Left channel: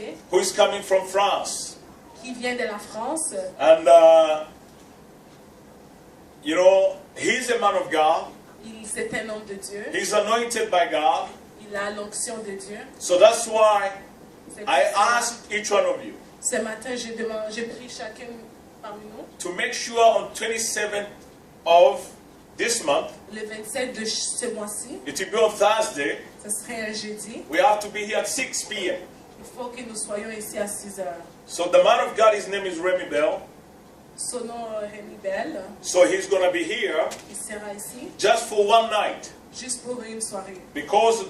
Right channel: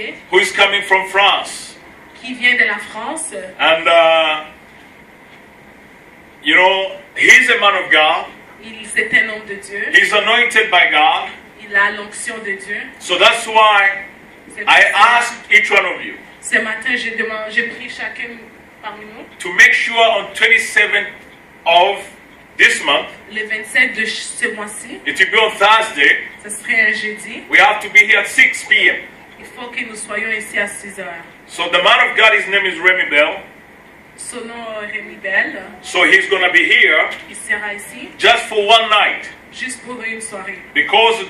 invité who is coming from France. qui vient de la France. And, you know, he's a man of God. C'est un homme de Dieu. He's anointed by God. Il a l'onction de Dieu. So that's why C'est I pour ça, asked each one of you ce matin, j'ai pris chacun parmi nous. to make sure on 27th of this month, Le 27 de ce mois-ci, it will be on Thursday, ce serait un jeudi. we have to be here at 6 p.m. Il faut que nous soyons ici à 6 heures. So the man of God, his name is Remy Bell. Son nom Rémi Bell, So he's going to be here il sera ici just for one night. juste pour une soirée. Because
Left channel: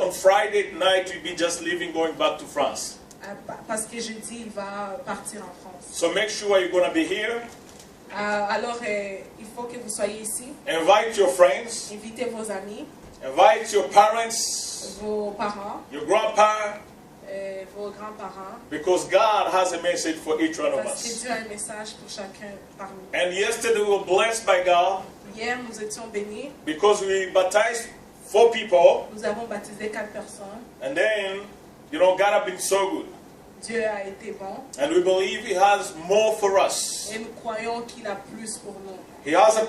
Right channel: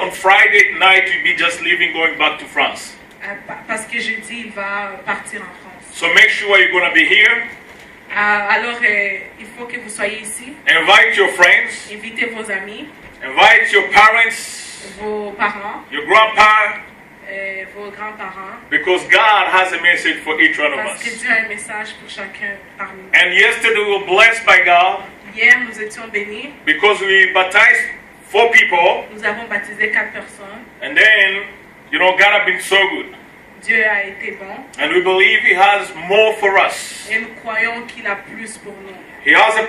on Friday night, we'll be just leaving, going back to France. Parce que jeudi, il va partir en France. So make sure you're going to be here. Alors, il faut que vous soyez ici. Invite your friends. Invitez vos amis, Invite your parents, vos parents, your grandpa, vos grands-parents. because God has a message for each one of Parce que us. Dieu a un message pour chacun parmi nous. And yesterday we were blessed by God Hier, nous étions bénis. because we baptized 4 people. Nous avons baptisé 4 personnes. And then, you know, God has been so good. Dieu a été bon. And we believe He has more for us. Et nous croyons qu'il a plus pour nous. He has a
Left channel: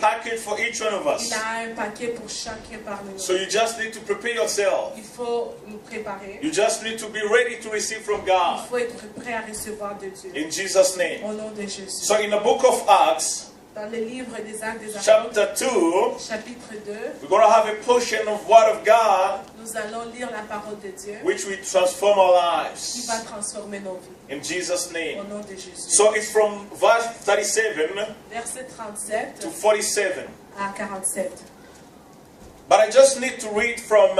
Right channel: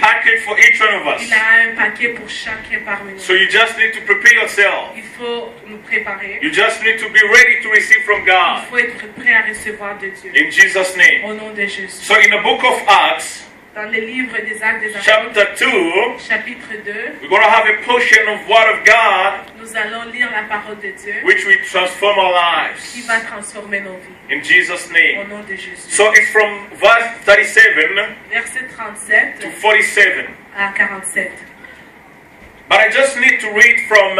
package for each one of us. Il a un paquet pour chacun parmi nous. So you just need to prepare yourself. Il faut nous préparer. You just need to be ready to receive from Il God. faut être prêt à recevoir de Dieu. In Jesus' name. Au nom de Jésus. So in the book of Acts, Dans le livre des Actes des Apôtres, chapter 2, chapitre 2, we're going to have a portion of Word of God nous allons lire la parole de Dieu which will transform our qui lives. va transformer nos vies. In Jesus' name. Au nom de Jésus. So it's from verse 37 Verset 37 to 47. à 47. But I just need to read from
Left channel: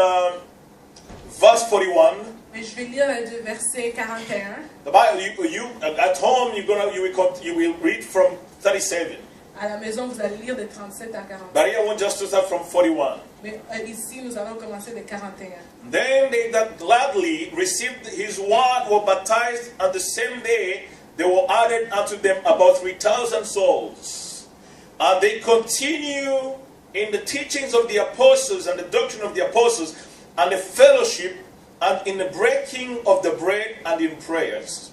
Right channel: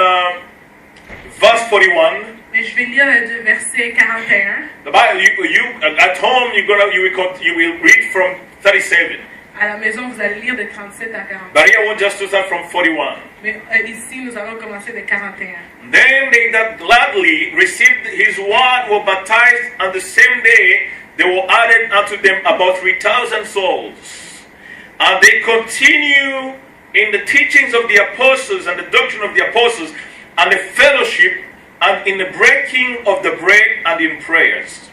verse 41. Mais je vais lire de verset 41. The Bible, at home, you will read from 37. À la maison, vous allez lire de 37 à 41. But here I want just to start from 41. Mais ici, nous allons commencer de 41. Then they that gladly received his word were baptized, and the same day there were added unto them about 3,000 souls. And they continue in the teachings of the apostles and the doctrine of the apostles and the fellowship and in the breaking of the bread and in prayers.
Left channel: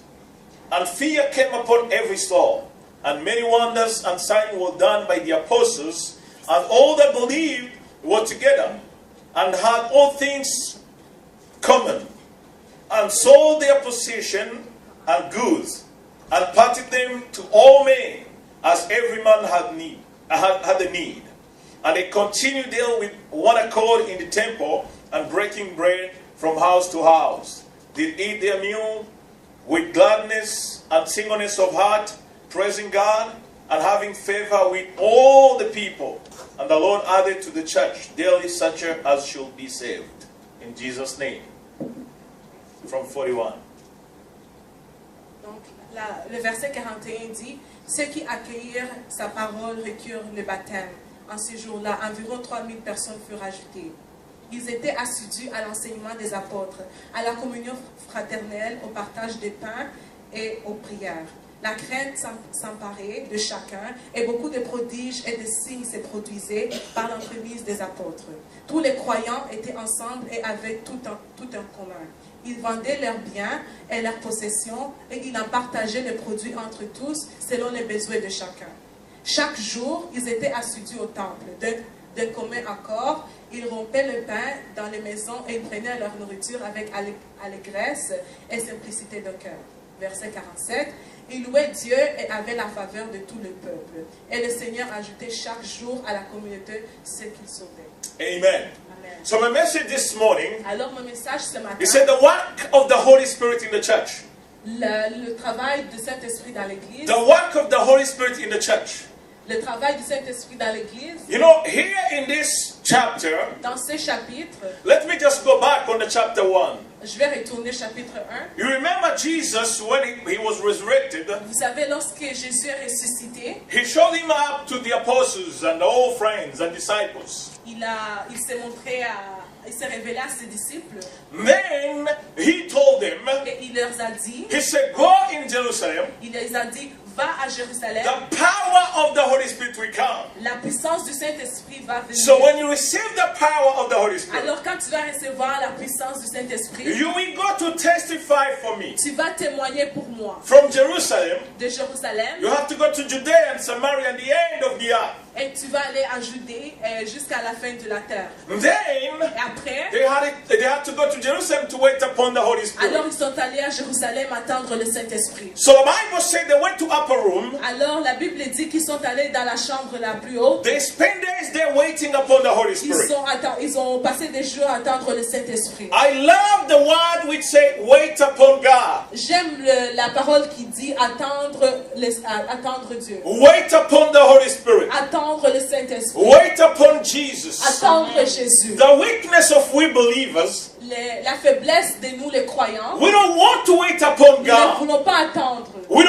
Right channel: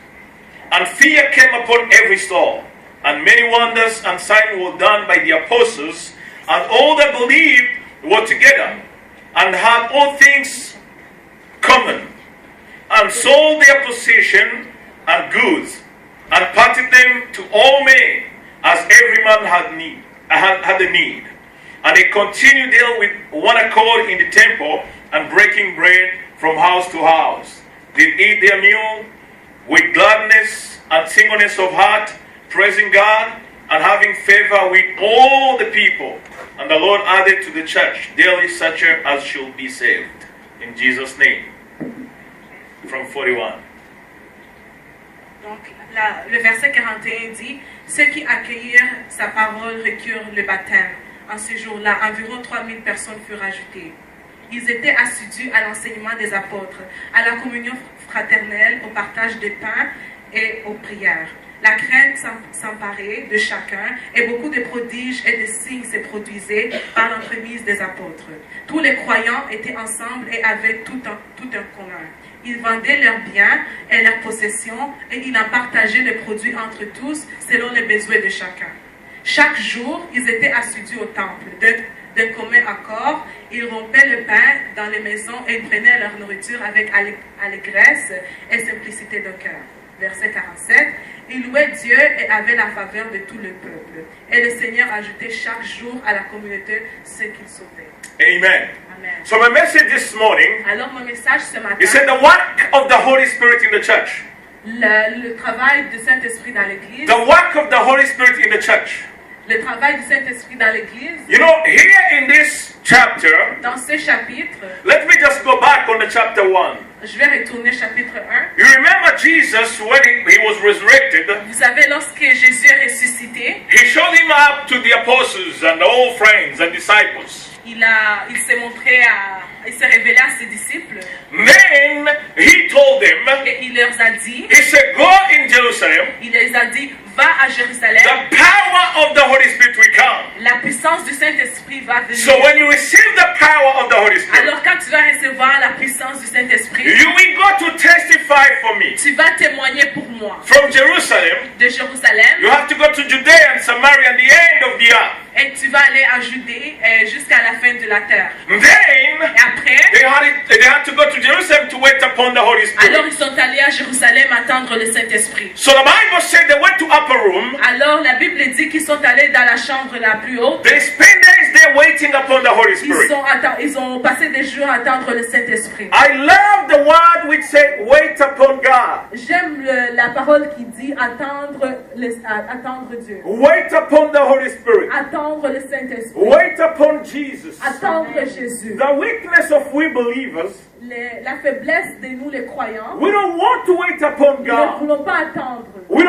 And fear came upon every soul, and many wonders and signs were done by the apostles, and all that believed were together, and had all things common, and sold their possession and goods, and parted them to all men, as every man had a need. And they continued there with one accord in the temple, and breaking bread from house to house. They eat their meal with gladness and singleness of heart, praising God and having favor with all the people. And the Lord added to the church daily such as should be saved. In Jesus' name. From 41. Donc, le verset 41 dit « Ceux qui accueillirent sa parole reçurent le baptême. En ce jour-là, environ 3000 personnes furent ajoutées. Ils étaient assidus à l'enseignement des apôtres, à la communion fraternelle, au partage des pains et aux prières. La crainte s'emparait de chacun et beaucoup de prodiges et de signes se produisaient par l'entremise des apôtres. Tous les croyants étaient ensemble et avaient tout un commun. Ils vendaient leurs biens et leurs possessions et ils en partageaient les produits entre tous selon les besoins de chacun. Chaque jour, ils étaient assidus au temple. D'un commun accord, ils rompaient le pain dans les maisons et ils prenaient leur nourriture avec allégresse et simplicité de cœur. Verset 47. Ils louaient Dieu et avaient la faveur de tout le peuple. Et le Seigneur ajoutait chaque jour à la communauté ce qu'il sauvait. Amen. Amen. So my message this morning Alors mon message ce matin, is that the work of the Holy Spirit in the church. le travail du Saint-Esprit dans l'Église, The work of the Holy Spirit in the church. le travail du Saint-Esprit dans l'Église, You know, here in this chapter, dans ce chapitre, let me just go back on the chapter 1. je vais retourner chapitre 1. You remember Jesus when he was resurrected, Vous savez, lorsque Jésus est ressuscité, he showed him up to the apostles and all friends and disciples. il s'est montré il s'est révélé à ses disciples Then he told them, et il leur a dit, he said, go in Jerusalem, il les a dit, va à Jérusalem, the power of the Holy Spirit will come. la puissance du Saint-Esprit va venir. So when you receive the power of the Holy Spirit, Alors quand tu vas recevoir la puissance du Saint-Esprit, you will go to testify from Jerusalem, de Jérusalem, you have to go to Judea and Samaria and the end of the earth. et tu vas aller à Judée jusqu'à la fin de la terre. Then Et après, they had to go to Jerusalem to wait upon the Holy Spirit. alors ils sont allés à Jérusalem attendre le Saint-Esprit. So the Bible said they went to upper room. Alors la Bible dit qu'ils sont allés dans la chambre la plus haute. They spent days there waiting upon the Holy Spirit. Ils ont passé des jours à attendre le Saint-Esprit. I love the word which said wait upon God. J'aime la parole qui dit attendre Dieu. Wait upon the Holy Spirit. Attendre le Saint-Esprit. Wait upon Jesus. Attendre Jésus. The weakness of we believers, La faiblesse de nous les croyants. we don't want to wait upon Nous ne God. voulons pas attendre. We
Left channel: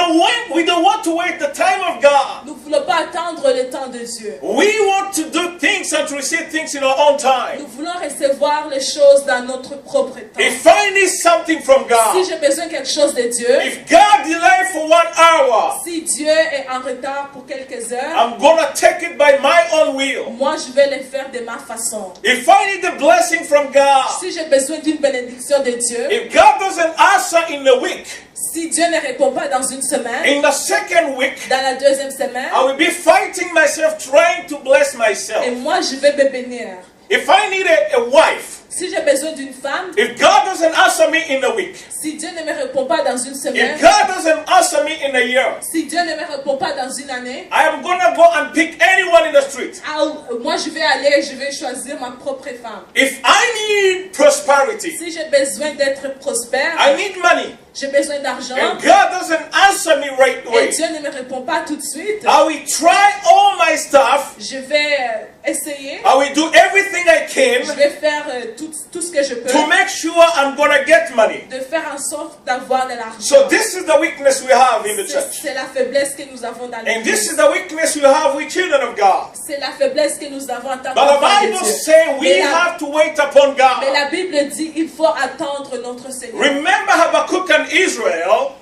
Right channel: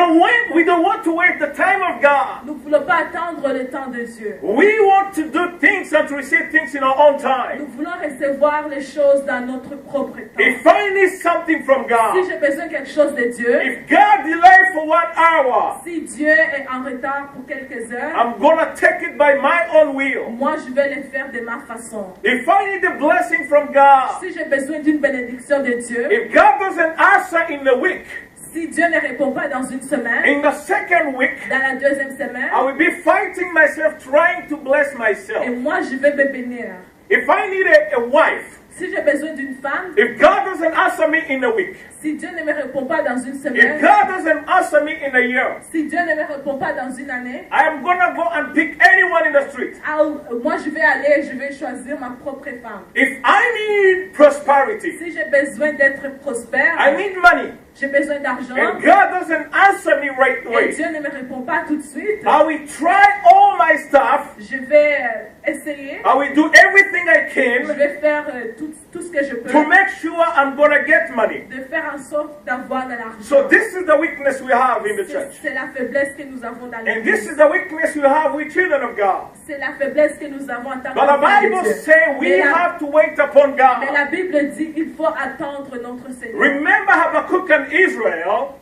don't want to wait the time of God. Nous ne voulons pas attendre le temps de Dieu. We want to do things and to receive things in our own time. Nous voulons recevoir les choses dans notre propre temps. If I need something from God, Si j'ai besoin de quelque chose de Dieu, if God delayed for 1 hour, si Dieu est en retard pour quelques heures, I'm gonna take it by my own will. moi je vais le faire de ma façon. If I need a blessing from God, Si j'ai besoin d'une bénédiction de Dieu, if God doesn't answer in a week, si Dieu ne répond pas dans une semaine, in the second week, dans la deuxième semaine, I will be fighting myself, trying to bless myself. et moi je vais me bénir. If I need a wife, Si j'ai besoin d'une femme, if God doesn't answer me in a week, si Dieu ne me répond pas dans une if semaine, God doesn't answer me in a year, si Dieu ne me répond pas dans une année, I am gonna go and pick anyone in the street. alors, moi je vais aller, je vais choisir ma propre femme. If I need prosperity, Si j'ai besoin d'être prospère, I need money, j'ai besoin d'argent, and God doesn't answer me right et away, Dieu ne me répond pas tout de suite, I will try all my stuff. je vais essayer, I will do everything I je can vais faire tout ce que je peux, to make sure I'm gonna get money. de faire en sorte d'avoir de So l'argent. this is the weakness we have in the church. C'est la faiblesse que nous avons dans And this l'église. is the weakness we have with children of God. C'est la faiblesse que nous avons en tant But the qu'enfants de Bible Dieu. says we Mais la- have to wait upon Mais God. la Bible dit il faut attendre notre Seigneur. Remember Habakkuk and Israel,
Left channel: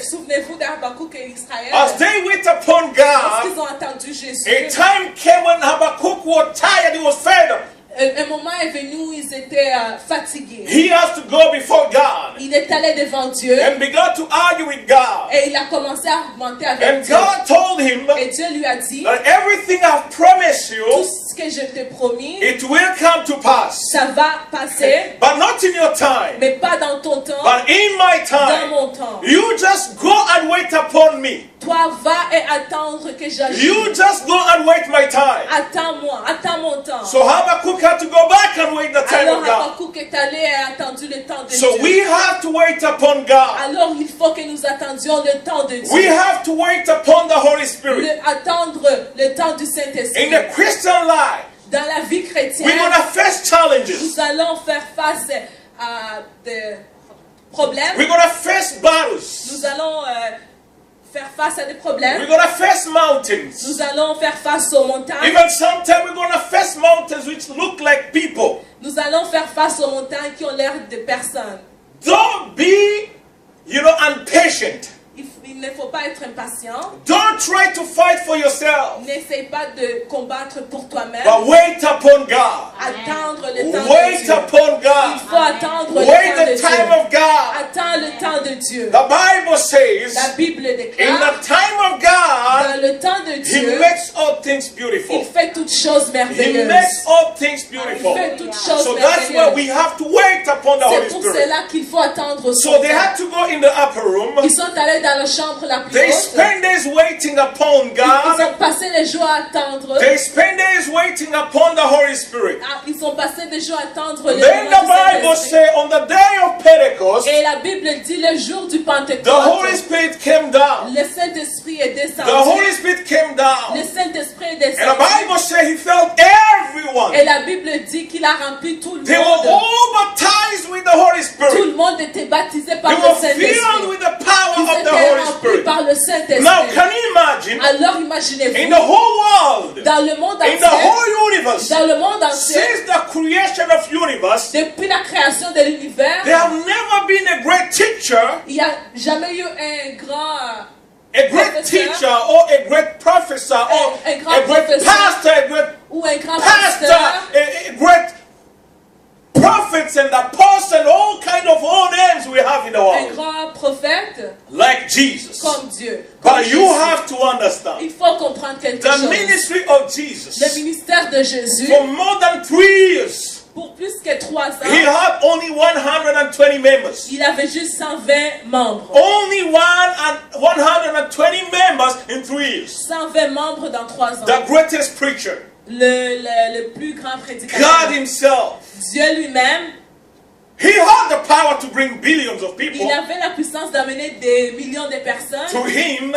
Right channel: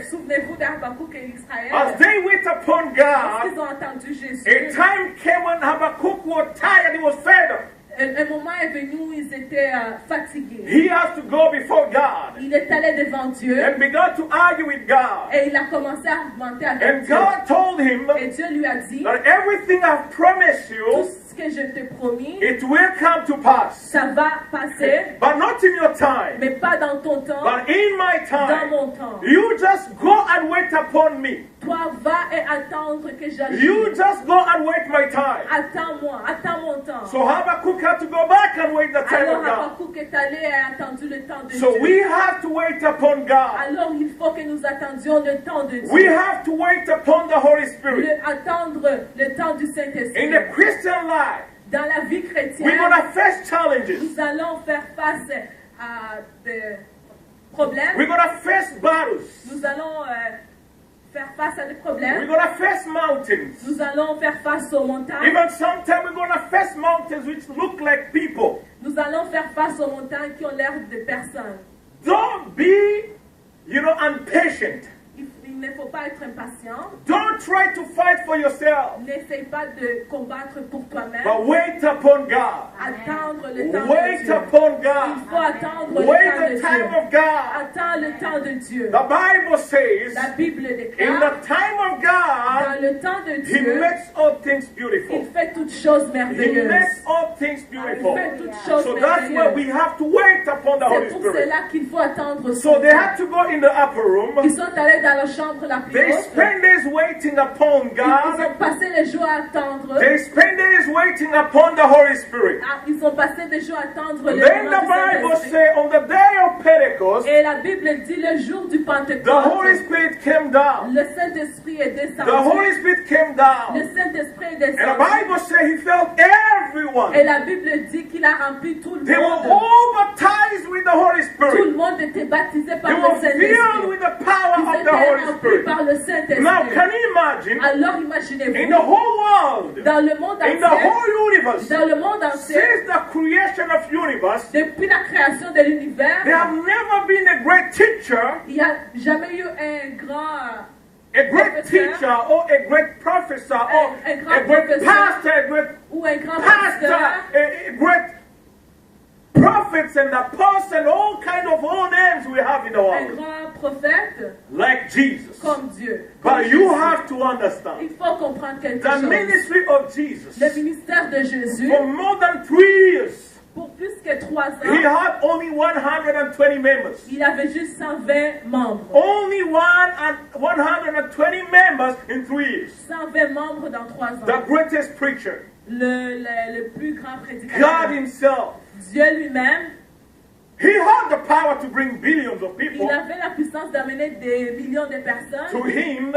Souvenez-vous d'Habakkuk et Israël. as they wait upon God, Lorsqu'ils ont entendu Jésus, a time came when Habakkuk was tired, he was fed up. un moment est venu où ils étaient fatigués. He has to go before God Il est allé devant Dieu and began to argue with God. et il a commencé à argumenter avec And Dieu. God told him Et Dieu lui a dit, that everything I've promised tout you, ce que je t'ai promis, it will come to pass. ça va passer, But not in your time, mais pas dans ton temps, but in my dans time. mon temps. You just go and wait upon me. Toi, va et attendre que j'agisse. You just go and wait my time. Attends-moi, attends mon temps. So Habakkuk had to go back and wait the time Alors of God. Habakkuk est allé et a attendu le temps de So Dieu. we have to wait upon God. Alors il faut que nous attendions le temps de Dieu. We have to wait upon the Holy Spirit. Attendre le temps du Saint-Esprit. In the Christian life, Dans la vie chrétienne, we're going to face challenges. nous allons faire face à des problèmes. We're going to face battles. Nous allons faire face à des problèmes. We're going to face mountains. Nous allons faire face aux montagnes. Even sometimes we're going to face mountains which look like people. Nous allons faire face aux montagnes qui ont l'air de personnes. Don't be, impatient. Il ne faut pas être impatient. Don't try to fight for yourself. N'essaie pas de combattre pour toi-même. But wait upon God. Attendre le temps de Wait Dieu. upon Il God. faut attendre le Wait temps de the time Dieu. of God. Attends le temps de Dieu. The Bible says, La Bible in déclare, the time of God, dans le temps de He Dieu, makes all things il beautiful. fait toutes choses He merveilleuses. makes all things Il beautiful. fait toutes choses So that's why we merveilleuses. have to wait upon the Holy C'est pour Spirit. cela qu'il faut attendre son So they temps. had to go in the upper room. Ils sont allés dans la chambre la plus They haute. spend days waiting upon Ils God. ont passé les jours à attendre. They spend days waiting upon the Holy Spirit. Ils ont passé des jours à attendre le Then moment the du Bible Saint-Esprit. says on the day of Pentecost, Et la Bible dit le jour du the Holy Pentecôte, Spirit came down. le Saint-Esprit est The Holy descendu. Spirit came down. Le Saint-Esprit est And the descendu. Bible says He filled everyone. Et la Bible dit qu'il a rempli tout le They were monde. all baptized with the Holy Tout Spirit. le monde était baptisé They par le were filled Saint-Esprit. with the power Ils of the étaient Holy remplis Spirit. par le Now, Saint-Esprit. can you imagine Alors in imaginez-vous, the whole world, dans le monde in the entier, whole universe, dans le monde entier, since the creation of universe, depuis la création de l'univers, there have never been a great teacher, il n'y a jamais eu un grand a great professeur, teacher, or a great professor, or un grand a great professeur, pastor, a great ou un grand pastor, pasteur, a great prophets and apostles, and all kind of all names we have in the un world. grand prophète, Like Jesus. comme Dieu. Comme But you Jésus. have to understand Il faut comprendre quelque the chose. ministry of Jesus Le ministère de Jésus, for more than 3 years. pour plus que 3 ans, He had only 120 members. il avait juste 120 membres. Only 120 members in 3 years. 120 membres dans 3 ans. The greatest preacher, Le plus grand prédicateur. God Himself. Dieu lui-même, He had the power to bring billions of people il avait la puissance d'amener des millions de personnes to Him,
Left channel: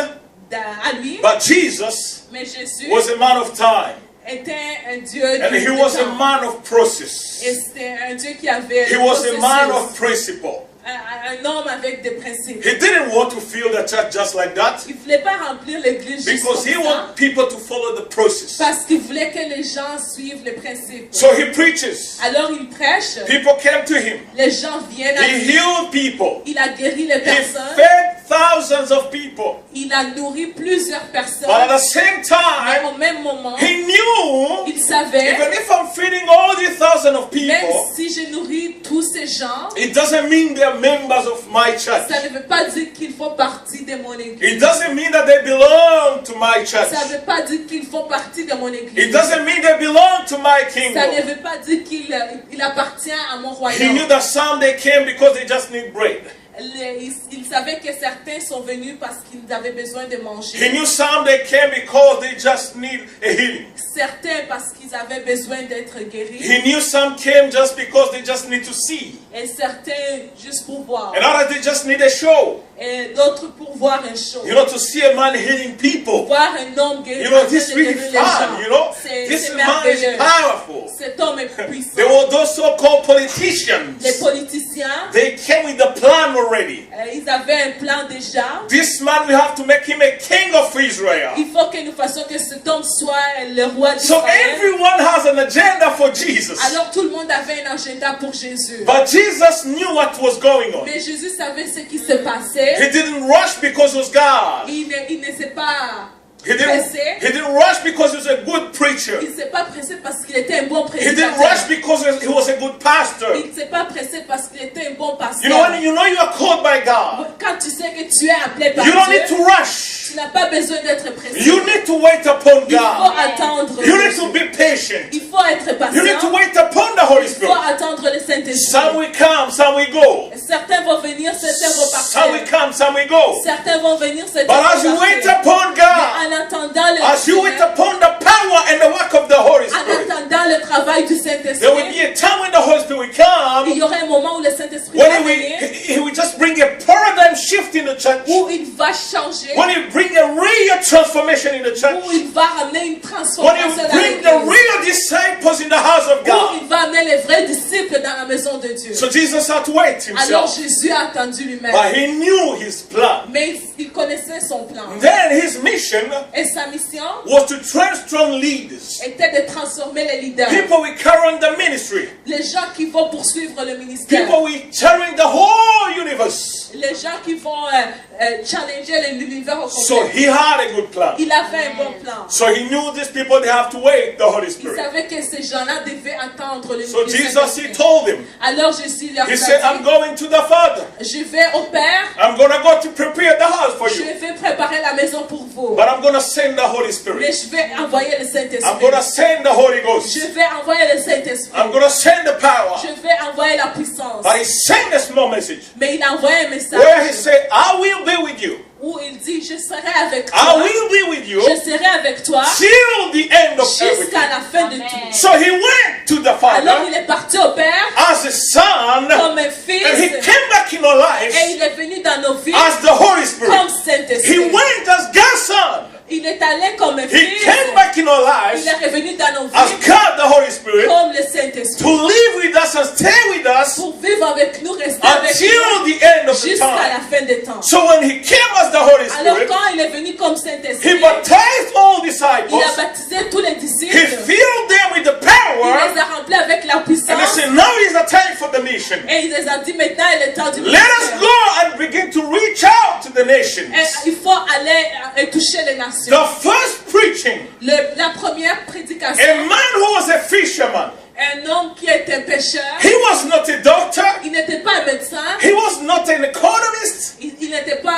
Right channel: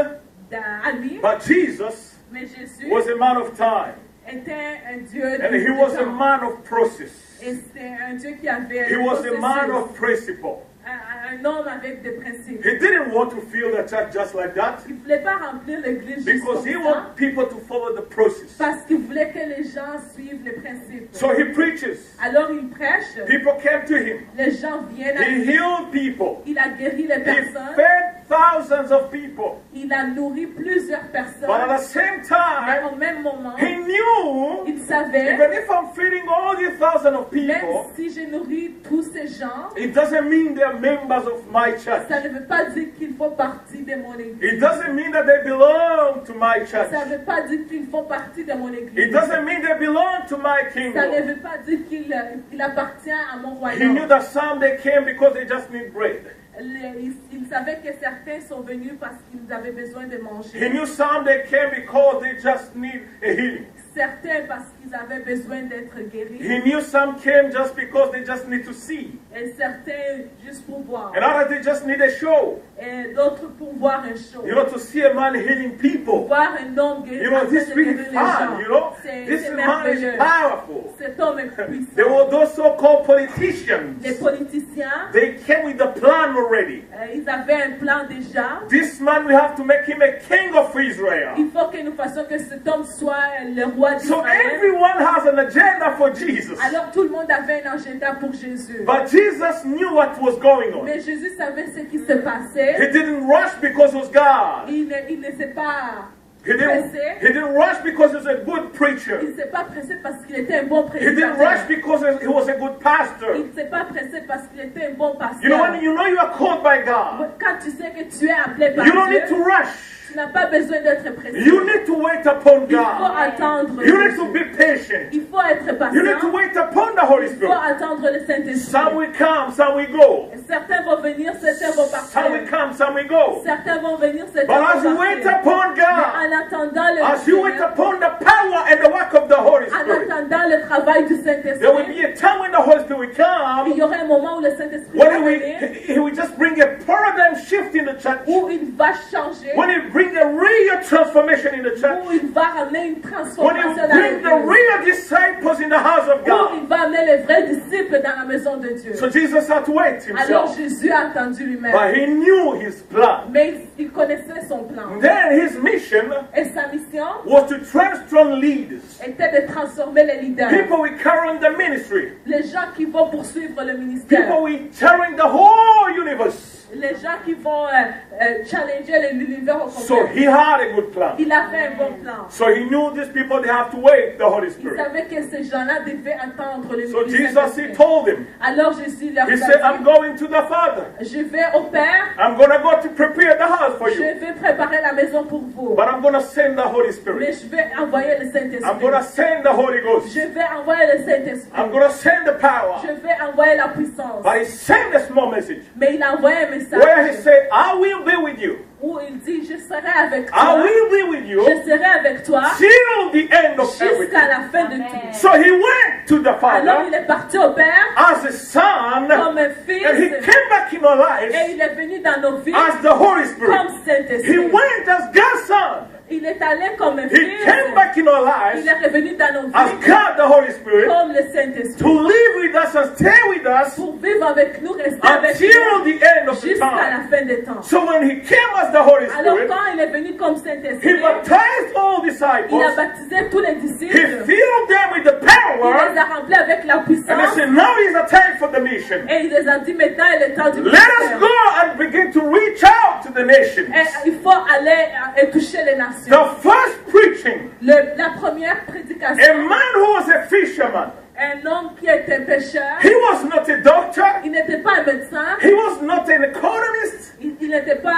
à lui. but Jesus Mais Jésus was a man of time, était un Dieu and du He was a temps. man of process. Et c'était un Dieu qui avait He le was a man processus. of principle. Un homme avec des principes. He didn't want to fill the church just like that Il ne voulait pas remplir l'église juste because he comme ça, wanted people to follow the process. parce qu'il voulait que les gens suivent les principes. So he preaches. Alors il prêche, People came to him. les gens viennent à He lui. healed people. Il a guéri les He personnes, fed thousands of people. il a nourri plusieurs personnes. But at the same Mais time, au même moment, he knew il savait, even if I'm feeding all these thousands of même people, si je nourris tous ces gens, it doesn't mean they're members of my church. ça ne veut pas dire qu'ils font partie de mon église. It doesn't mean that they belong to my church. Ça ne veut pas dire qu'ils font partie de mon It église. doesn't mean they belong to my Ça kingdom. ne veut pas dire qu'il appartient à mon He royaume. knew that some they came because they just need bread. Il savait que certains sont venus parce qu'ils avaient besoin de He manger. knew some they came because they just need a healing. Certains parce qu'ils avaient besoin d'être guéris. He knew some came just because they just need to see. Et certains juste pour voir. And others they just need a show. Et d'autres pour voir un show. You know, to see a man healing people. Voir un homme guérir. You know, en train this de really guérir les fun, gens. you know. C'est This man is merveilleux. powerful. Cet homme est puissant. There were those so-called politicians. Les politiciens, They came with the plan already. ils avaient un plan déjà. This man, we have to make him a king of Israel. Il faut que nous fassions que cet homme soit le roi So d'Israël. everyone has an agenda for Jesus. Alors tout le monde avait un agenda pour Jésus. But Jesus knew what was going on. Mais Jésus savait ce qui se passait. He didn't rush because it was God. Il ne s'est pas He pressé. didn't rush because he was a good preacher. Il ne s'est pas pressé parce qu'il était un bon He didn't prédicateur. rush because he was a good pastor. Il ne s'est pas pressé parce qu'il était un bon pasteur. You know, when you know you are called by God, Quand tu sais que tu es appelé par you don't Dieu, need to rush. tu n'as pas besoin d'être pressé. You need to wait upon Il faut God. attendre. You need to be patient. Il faut être You need to patient. wait upon the Holy Il faut Spirit. attendre le Saint-Esprit. Some will come, some will go. Certains vont venir, certains vont Some will partir. come, some will go. Certains vont venir, certains But vont as you wait partir. upon God, En attendant le as you wait upon the power and the work of the Holy en Spirit, attendant le travail du there will Saint-Esprit, be a time when the Holy Spirit will il come, y aura un moment où le Saint-Esprit when va he will, venir, he will just bring a paradigm shift in the church, où il va changer, when he will bring a real transformation in the où church, il va ramener une when he transformation will dans bring the l'église, real disciples in the house of où God. il va amener les vrais disciples dans la maison de Dieu. So Jesus had to wait Alors himself, Jésus a attendu lui-même, but he knew his plan. mais il connaissait son plan. Then his mission Et sa mission was to train strong leaders, était de transformer les leaders, people will carry on the ministry, les gens qui vont poursuivre le ministère, people will carry the whole universe. les gens qui vont challenger l'univers au So complet. he had a good plan. Il avait un bon plan. So he knew these people, they have to wait the Holy Il Spirit. savait que ces gens-là devaient attendre le So ministère. Jesus, he told him, Alors Jésus leur he said, I'm a dit, going to the Father. je vais au Père, I'm going to go to prepare the house for je you. vais préparer la maison pour vous. But I'm going to send the Holy Mais Spirit. je vais envoyer le I'm Saint-Esprit. going to send the Holy Ghost. Je vais envoyer le Saint-Esprit. I'm going to send the power. Je vais envoyer la puissance. But he sent a small message Mais il a envoyé un message where he said, I will be with you. où il dit, je serai avec I toi. will be with you Je serai avec toi till the end of everything. jusqu'à la fin de tout. So he went to the Alors Father il est parti au Père as a son, comme un and he fils came back in our et lives il est venu dans nos vies as the Holy Spirit. comme He Saint-Esprit. went as God's son. Il est allé comme un He fils. came back in our Il lives est revenu dans nos as vies God, the Holy Spirit, comme le to Saint-Esprit. live with us and stay with us Pour vivre avec nous, rester avec until nous the end of the jusqu'à la time. fin des temps. So when he came as the Holy Alors Spirit, quand il est venu comme he Saint-Esprit, baptized all il a disciples. baptisé tous les He disciples. filled them with the Il power. les a remplis avec la And he puissance. said, now is the time for the mission. Et il les a dit, maintenant il est temps du Let us ministère. go and begin to reach out to the nations. Et il faut aller et toucher les nations. The first preaching, La première prédication, a man who was a fisherman. un homme qui est un pêcheur, He was not a doctor. il n'était pas un médecin, He was not an economist. il n'était pas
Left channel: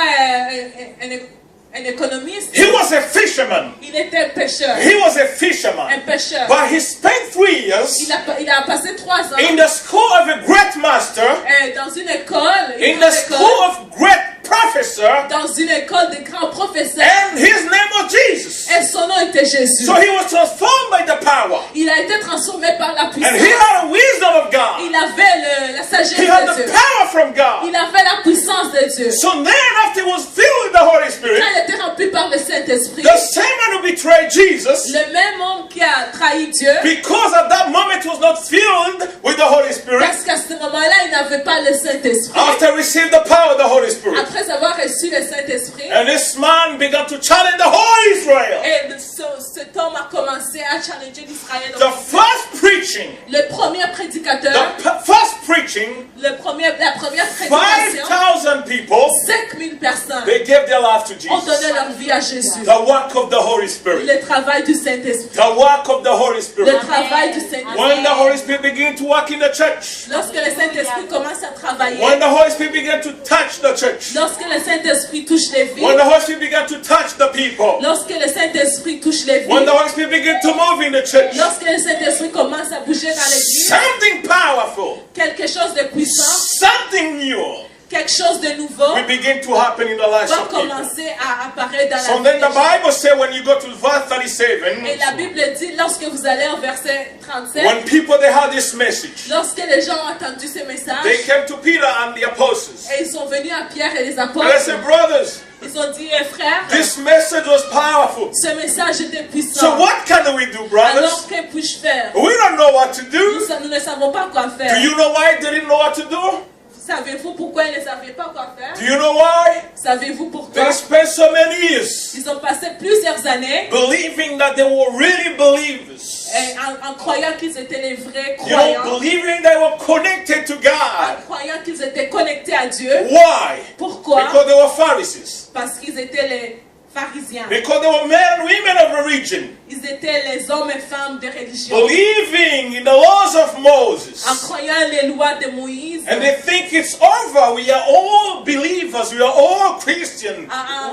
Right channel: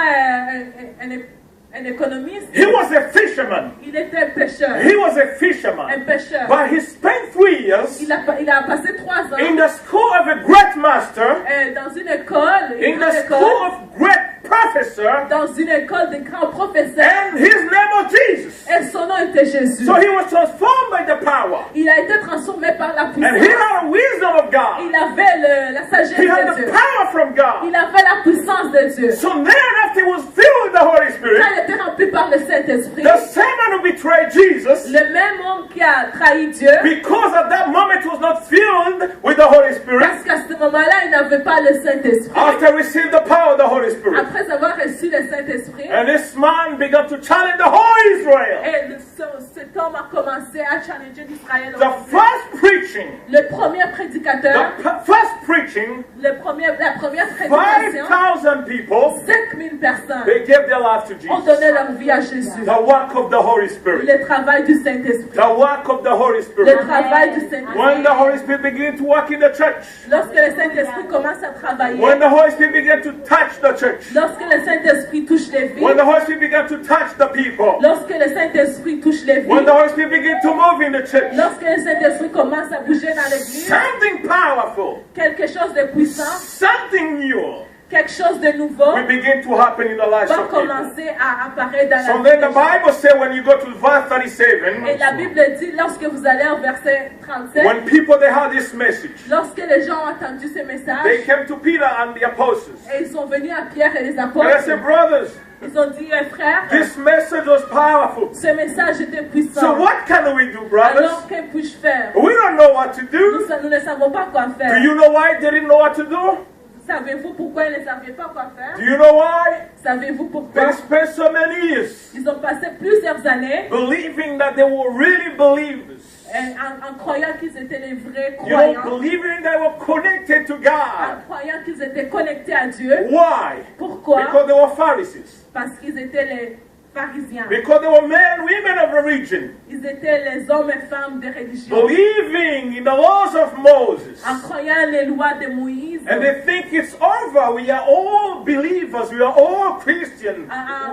un économiste. He was a fisherman. Il était un pêcheur. He was a fisherman. Un pêcheur. But he spent 3 years Il a passé 3 ans in the school of a great master, dans une école, in the school of great professor, dans une école de grands professeurs. and his name was Jesus. Et son nom était Jésus. So he was transformed by the power. Il a été transformé par la And puissance. he had a wisdom of God. Il avait la sagesse He had de the Dieu. power from God. Il avait la puissance de Dieu. So then after he was filled with the Holy Spirit, Quand il était rempli par le Saint-Esprit, the same man who betrayed Jesus, le même homme qui a trahi Dieu, because at that moment he was not filled with the Holy Spirit, parce qu'à ce moment-là, il n'avait pas le Saint-Esprit. after receiving the power of the Holy Spirit, Après avoir reçu le Saint-Esprit, and this man began to challenge the whole Israel. et cet homme a commencé à challenger l'Israël. The first preaching, Le premier prédicateur, first preaching, la première prédication, 5,000 people, 5000 personnes they gave their life to ont donné Jesus. leur vie à Jésus. The work of the Holy Spirit. Le travail du Saint-Esprit. The work of the Holy Le Spirit. travail du When Saint-Esprit. the Holy Spirit began to work in the church, Lorsque le Saint-Esprit commence à travailler, when the Holy Spirit began to touch the church, lorsque le Saint-Esprit touche les vies, when the Holy Spirit began to touch the people, lorsque le Saint-Esprit touche les when vies, the Holy Spirit began to move in the church, lorsque le Saint-Esprit commence à bouger dans l'église, something powerful, quelque chose de puissant, something new quelque chose de nouveau will begin to happen in the lives va of people. commencer à apparaître dans So la then vie the des gens. Bible says when you go to verse 37, Et la Bible dit, lorsque vous allez au verset 37, when people they heard this message, lorsque les gens ont entendu ce message, they came to Peter and the apostles. et ils sont venus à Pierre et les And they apôtres, said, brothers, ils ont dit, frères, this message was powerful. ce message était So puissant. what can we do, Alors, brothers? que puis-je faire? We don't know what to do. Nous ne savons pas quoi Do faire. you know why they didn't know what to do? Savez-vous pourquoi ils ne savaient pas quoi faire? Do you know why? Savez-vous pourquoi? They spent so many years Ils ont passé plusieurs années believing that they were really believers. en croyant qu'ils étaient les vrais You know, croyants, believing they were connected to en God. croyant qu'ils étaient connectés à Dieu. Why? Pourquoi? Because they were Pharisees. Parce qu'ils étaient les pharisiens. Because they were men and women of the region. Ils étaient les hommes et femmes de religion. Believing in the laws of Moses. En croyant les lois de Moïse. And they think it's over. We are all believers. We are all Christians.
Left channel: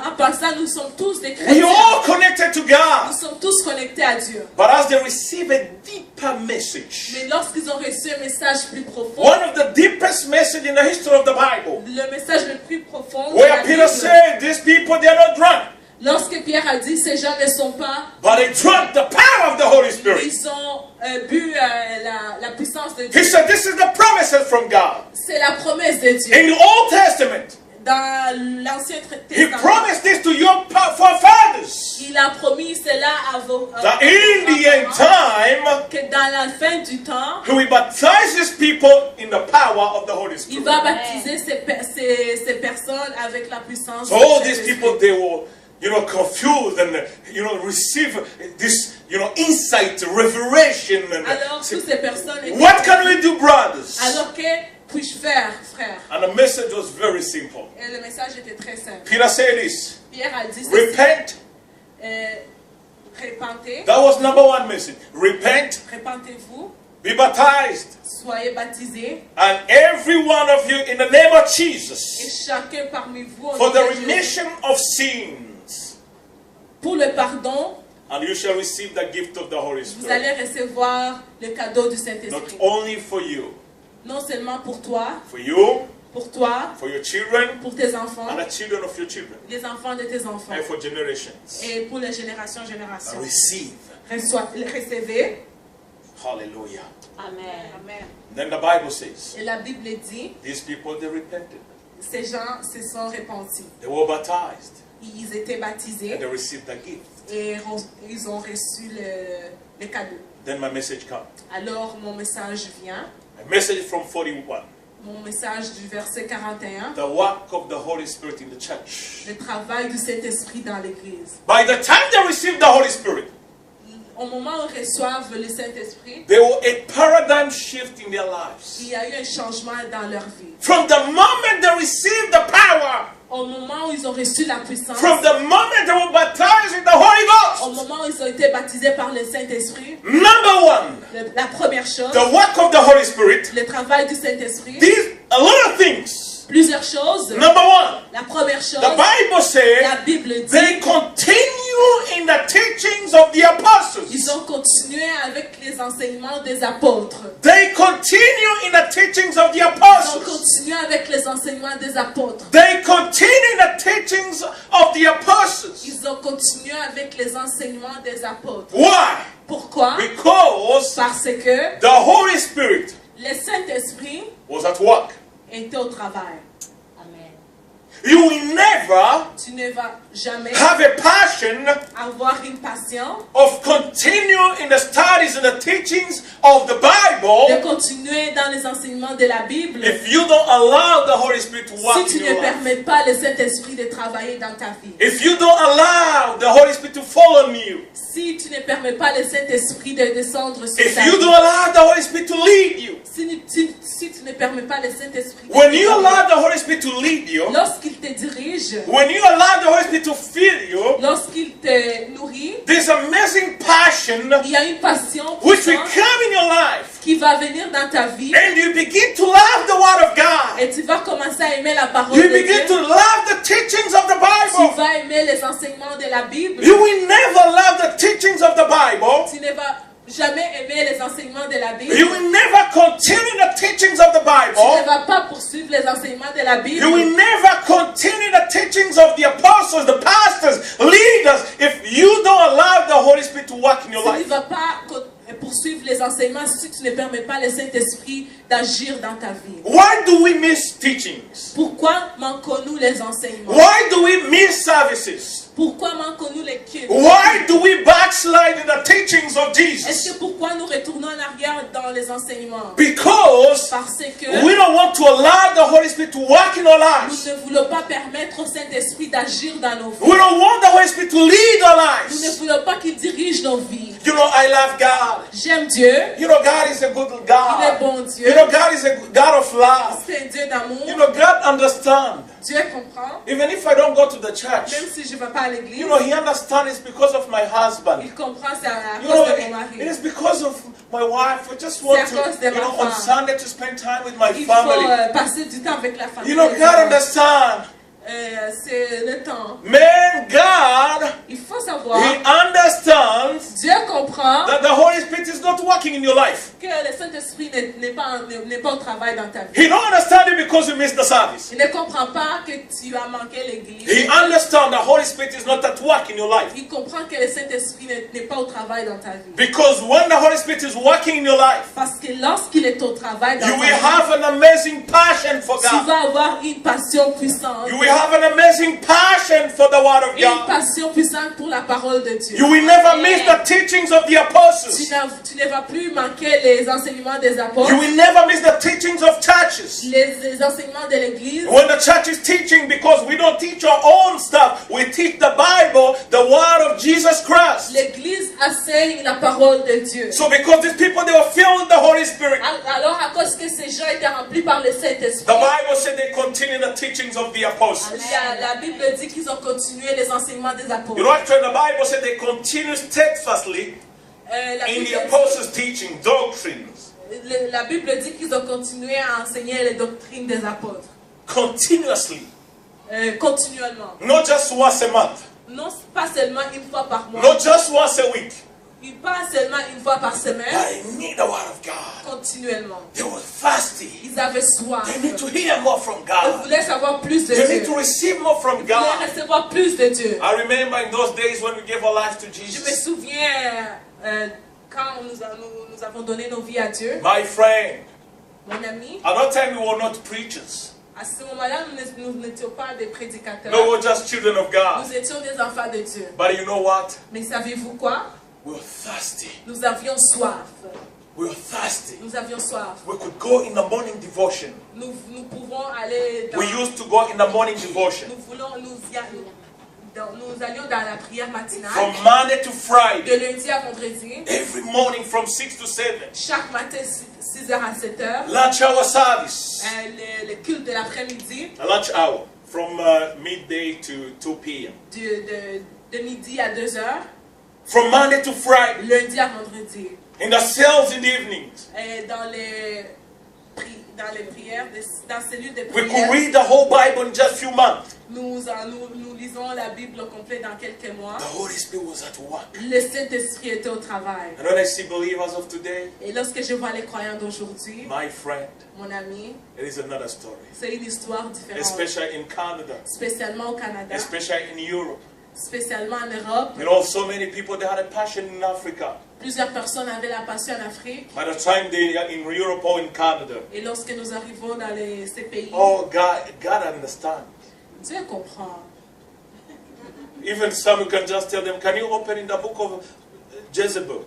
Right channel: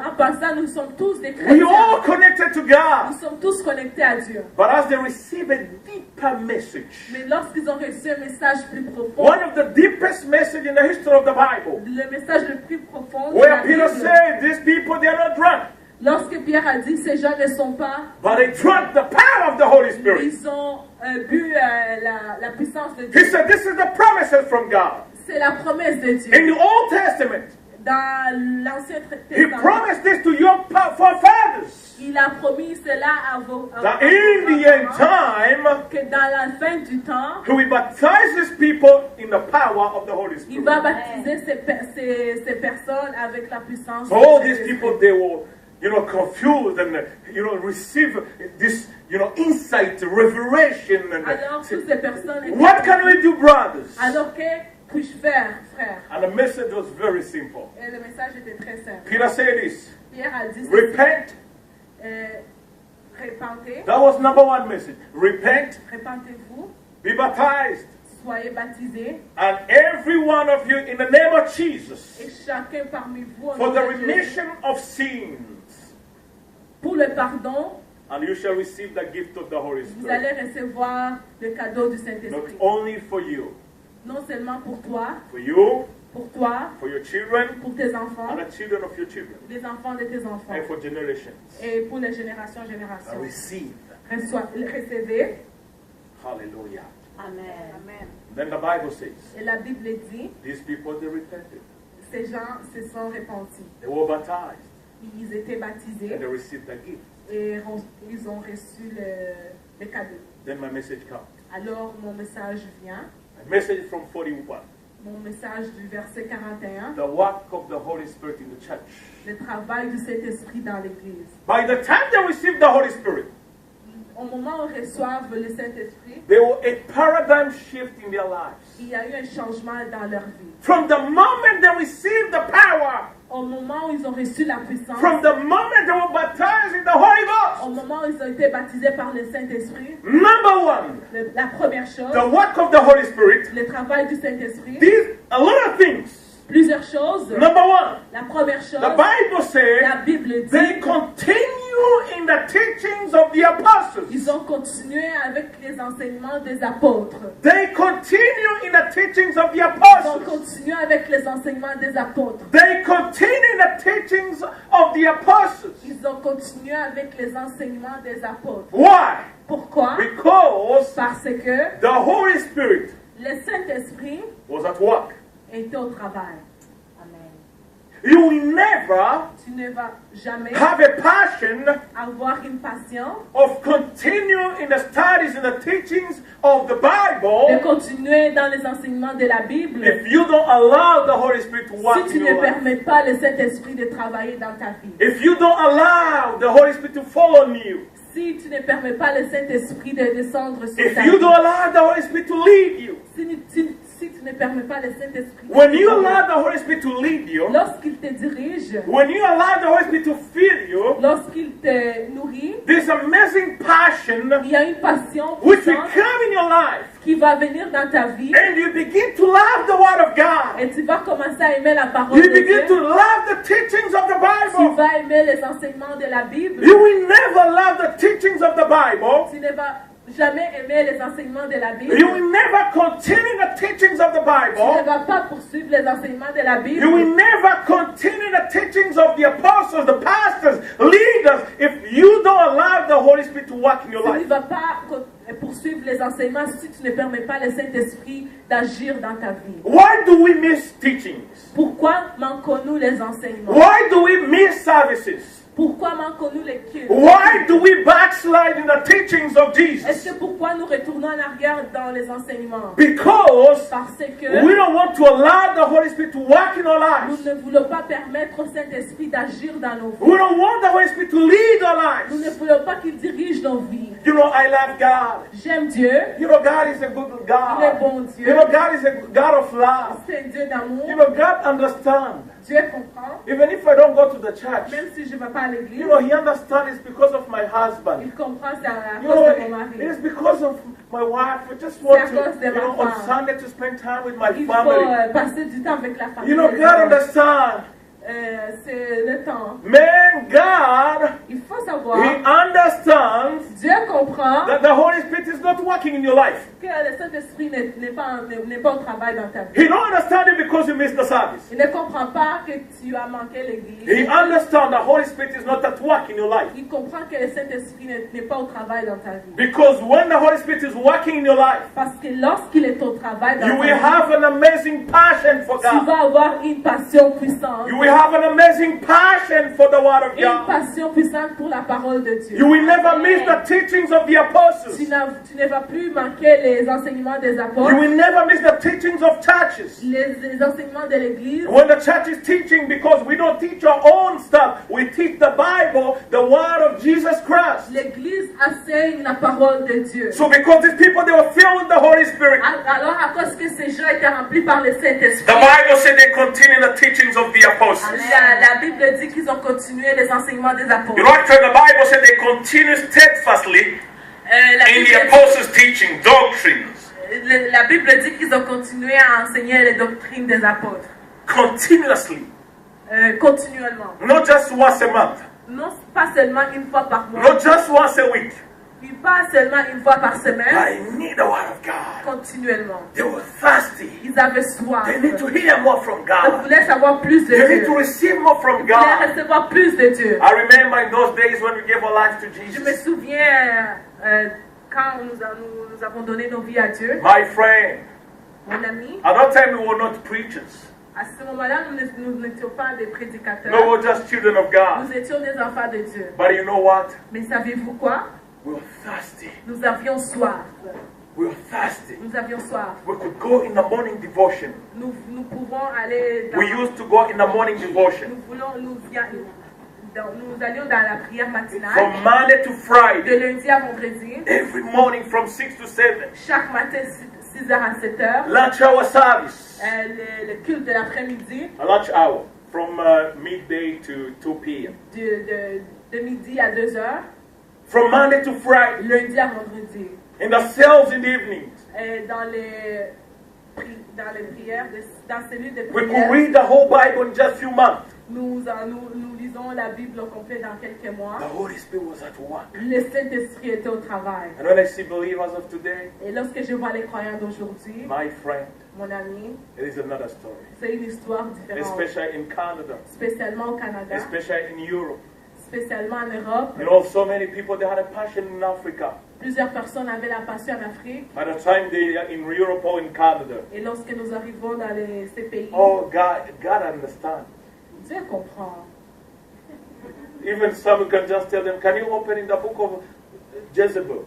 En pensant, nous sommes tous des We are chrétiens. all connected to Nous God. sommes tous connectés à Dieu. But as they receive a deeper message, Mais lorsqu'ils ont reçu un message plus profond, one of the deepest messages in the history of the Bible, le message le plus profond de where la Peter Bible, said, these people, they are not drunk, lorsque Pierre a dit ces gens ne sont pas, but they drank the power of the Holy Spirit. ils ont bu la puissance de He Dieu. said, this is the promises from God. C'est la promesse de Dieu. In the Old Testament, Dans l'Ancien He Testament, promised this to your forefathers. il a promis cela à vos That in the end parents, time, que dans la fin du temps, He will baptize His people in the power of the Holy il Spirit. va baptiser ces personnes avec la puissance So all de these Jésus. people, they were, confused and, receive this, insight, revelation. Alors And toutes ces personnes étaient what can we do, brothers? alors que puis-je faire, frère? And the message was very simple. Et le message était très simple. Peter said this, Pierre a dit ceci, repent. répentez, That was number one message. Repent, répentez-vous, be baptized, soyez baptisés, and every one of you in the name of et Jesus, chacun parmi vous au for nom the de Jésus, remission of sins, pour le pardon, and you shall receive the gift of the Holy vous Spirit. allez recevoir le cadeau du Not Saint-Esprit. only for you, Non seulement pour toi, for you, for your children, pour tes enfants, and the children of your children, les enfants de tes enfants, and for generations. et pour les générations. Receive. Recevez. Hallelujah. Amen. Then the Bible says, Et la Bible dit, these people, they repented. ces gens se sont repentis. They were baptized, Ils étaient baptisés and they received the gift. et ils ont reçu le cadeau. Then my message comes. Alors mon message vient, A message from 41. mon message du verset 41, The work of the Holy Spirit in the church. le travail du Saint-Esprit dans l'Église. By the time they received the Holy Spirit, Au moment où ils reçoivent le Saint-Esprit, there was a paradigm shift in their lives. il y a eu un changement dans leur vie. From the moment they received the power, Au moment où ils ont reçu la puissance, from the moment they were baptized in the Holy au Ghost, moment où ils ont été baptisés par le Saint-Esprit, number one, la première chose, the work of the Holy Spirit, le travail du Saint-Esprit, a lot of things Plusieurs choses. Number one, La première chose, the Bible says la Bible they dit, continue in the teachings of the apostles. ils ont continué avec les enseignements des apôtres. They continue in the teachings of the Ils ont apostles. continué avec les enseignements des apôtres. They continue in the teachings of the apostles. Ils ont continué avec les enseignements des apôtres. Why? Pourquoi? Because Parce que the Holy Spirit le Saint-Esprit was at work. était au travail. You will never Tu ne vas jamais have a passion avoir une passion of continue in the studies and the teachings of the de Bible continuer dans les enseignements de la Bible if you don't allow the Holy Spirit to work si tu in ne your life. permets pas le Saint-Esprit de travailler dans ta vie. If you don't allow the Holy Spirit to fall on you. Si tu ne permets pas le Saint-Esprit de descendre sur If ta you vie. don't allow the Holy Spirit to lead you. Si tu ne permets pas le Saint-Esprit de When you travailler. allow the Holy Spirit to lead you. Lorsqu'il te dirige, When you allow the Holy Spirit to fill you. lorsqu'il te nourrit, There's amazing passion il y a une passion which will puissante come in your life. qui va venir dans ta vie And you begin to love the Word of God. et tu vas commencer à aimer la parole You de begin Dieu. to love the teachings of the Tu Bible. vas aimer les enseignements de la Bible. You will never love the teachings of the Bible. Tu ne vas jamais aimer les enseignements de la Bible. You will never continue the teachings of the Tu ne Bible. vas pas poursuivre les enseignements de la Bible. You will never continue the teachings of the apostles, the pastors, leaders, if you don't allow the Holy Spirit to work in your Tu ne life. vas pas poursuivre les enseignements si tu ne permets pas le Saint-Esprit d'agir dans ta vie. Why do we miss teachings? Pourquoi manquons-nous les enseignements? Why do we miss services? Pourquoi manquons-nous les cultes? Why do we backslide in the teachings of Est-ce Jesus? que pourquoi nous retournons en arrière dans les enseignements? Because Parce que we don't want to allow the Holy Spirit to work in our nous lives. ne voulons pas permettre au Saint-Esprit d'agir dans nos vies. We don't want the Holy Spirit to lead our Nous ne lives. voulons pas qu'il dirige nos vies. You know, I love God. J'aime Dieu. You know, God is a good Il est God. bon Dieu. You know, God is a God of love. C'est un Dieu d'amour. You know, God understands. Dieu comprend. Even if I don't go to the church, Même si je ne vais pas à l'église, you know, He understands it's because of my husband. il comprend c'est à You cause know, de mon it mari. is because of my wife. I just want C'est à cause de to, ma on femme. Sunday to spend time with my Il faut family. passer du temps avec la famille. You know, God understands. C'est le temps. Man, God, Il faut savoir, He understands Dieu comprend that the Holy Spirit is not working in your life. que le Saint-Esprit n'est pas au travail dans ta vie. He don't understand it because you missed the service. Il ne comprend pas que tu as manqué l'église. He understands the Holy Spirit is not at work in your life. Il comprend que le Saint-Esprit n'est pas au travail dans ta vie. Because when the Holy Spirit is working in your life, Parce que lorsqu'il est au travail dans you ta will vie, have an amazing passion for tu God. vas avoir une passion puissante. You will have an amazing passion for the Word of Une God. passion puissante pour la parole de Dieu. You will never miss the teachings of the apostles. Tu ne vas plus manquer les enseignements des You apôtres, will never miss the teachings of churches. les enseignements de l'église. When the church is teaching, because we don't teach our own stuff, we teach the Bible, the Word of Jesus Christ. L'église enseigne la parole de Dieu. So because these people, they were filled with the Holy Spirit, Alors, à cause que ces gens étaient remplis par le Saint-Esprit, the Bible said they continue the teachings of the apostles. la Bible dit qu'ils ont continué les enseignements des apôtres. You know, actually, the Bible said they continue steadfastly La in the Bible, apostles' teaching, doctrines, la Bible dit qu'ils ont continué à enseigner les doctrines des apôtres. continuously, Continuellement. not just once a month, Non pas seulement une fois par mois, not just once a week. puis pas seulement une fois par semaine, I need the Word of God. continuellement. They were thirsty. Ils avaient soif. They need to hear more from Ils God. voulaient savoir plus de They Dieu. need to receive more from Ils voulaient God. recevoir plus de Dieu. I remember in those days when we gave our lives to Je me Jesus. souviens quand nous avons donné nos vies à Dieu. My friend, Mon ami, at that time we were not preachers. à ce moment-là, nous n'étions pas des prédicateurs. No, we were just children of God. Nous étions des enfants de Dieu. But you know what? Mais saviez-vous quoi? We were thirsty. Nous avions soif. We were thirsty. Nous avions soif. We could go in the morning devotion. Nous pouvons aller dans, We used to go in the morning devotion. nous allions dans la prière matinale From Monday to Friday. de lundi à vendredi. Every morning from 6 to 7. Chaque matin 6h à 7h. Lunch hour service. Le culte de l'après-midi A lunch hour from midday to 2 p.m. de midi à 2h. From Monday to Friday. Lundi à vendredi. In the cells in the evenings. Dans les dans les prières, dans cellule de We could prière, read the whole Bible in just few months. nous lisons la Bible au complet dans quelques mois. The Holy Spirit was at work. Le Saint-Esprit est au travail. And when I see believers of today, Et lorsque je vois les croyants d'aujourd'hui, my friend, mon ami, it is another story. c'est une histoire différente. Especially in Canada, Spécialement au Canada, especially in Europe. spécialement en Europe. You know, so many people, they had a passion in Africa. Plusieurs personnes avaient la passion en Afrique. By the time they are in Europe or in Canada, Et lorsque nous arrivons dans ces pays, oh, God understands. Dieu comprend. Even some, you can just tell them, can you open in the book of Jezebel?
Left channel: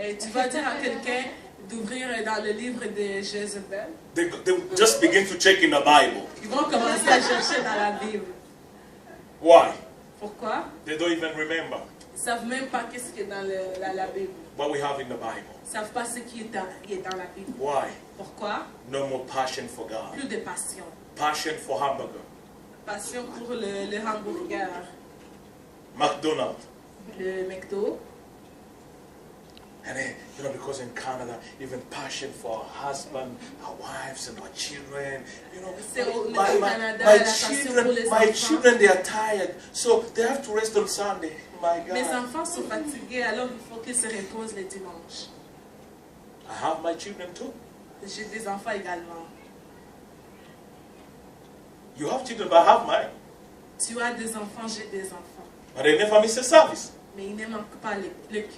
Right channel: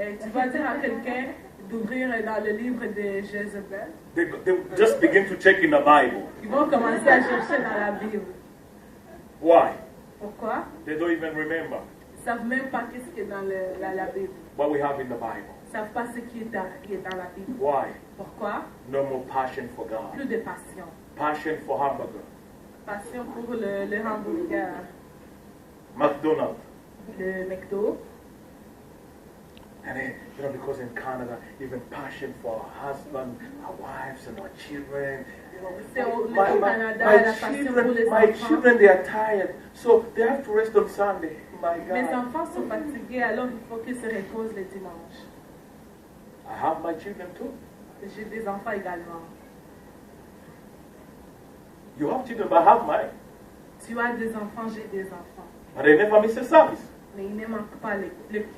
Et tu vas dire à quelqu'un d'ouvrir dans le livre de Jézabel. They just begin to check in the Bible. Ils vont commencer à chercher dans la Bible. Why? Pourquoi? They don't even remember Ils ne savent même pas qu'est-ce qui est dans la Bible. what we have in the Bible. Ils ne savent pas ce qui est dans la Bible. Why? Pourquoi? No more passion for God. Plus de passion. Passion for hamburger. Passion pour le hamburger, McDonald's. le McDo. And then, you know, because in Canada, even passion for our husband, our wives, and our children. You know, C'est au Canada, my la passion pour les my enfants. children, they are tired, so they have to rest on Sunday. My Mes God. enfants sont fatigués, alors il faut qu'ils se reposent le dimanche. I have my children too. J'ai des enfants également. You have children, but I have mine. Tu as des enfants, j'ai des enfants. But they never miss a service. Mais il ne manque pas le culte.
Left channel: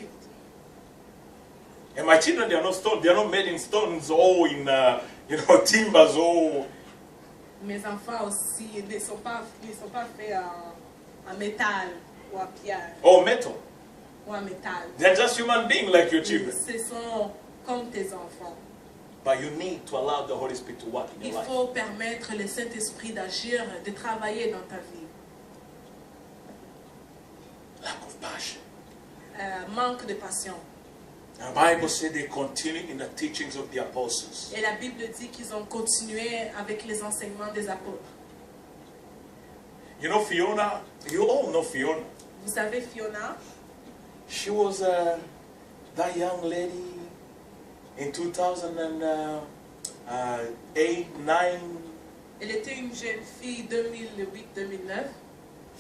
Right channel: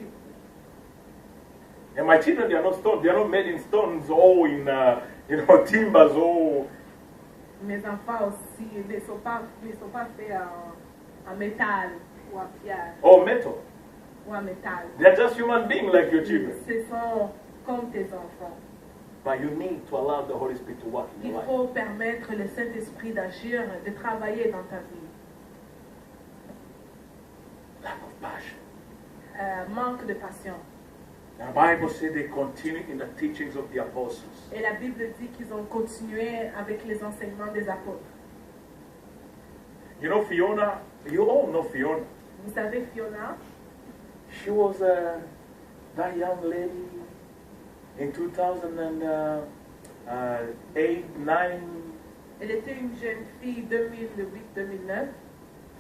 And my children, they are not stone. They are not made in stones or in, you know, timbers or. Mes enfants aussi ne sont pas faits en métal ou en pierre Or metal. ou en métal. They are just human beings like your children. Ce sont comme tes enfants. But you need to allow the Holy Spirit to work in Il your life. faut permettre le Saint-Esprit d'agir, de travailler dans ta vie. Lack of passion. Manque de passion. The Bible says they continue in the teachings of the apostles. Et la Bible dit qu'ils ont continué avec les enseignements des apôtres. You know Fiona, you all know Fiona. Vous savez, Fiona, She was that young lady in 2008, 9, elle était une jeune fille 2008-2009,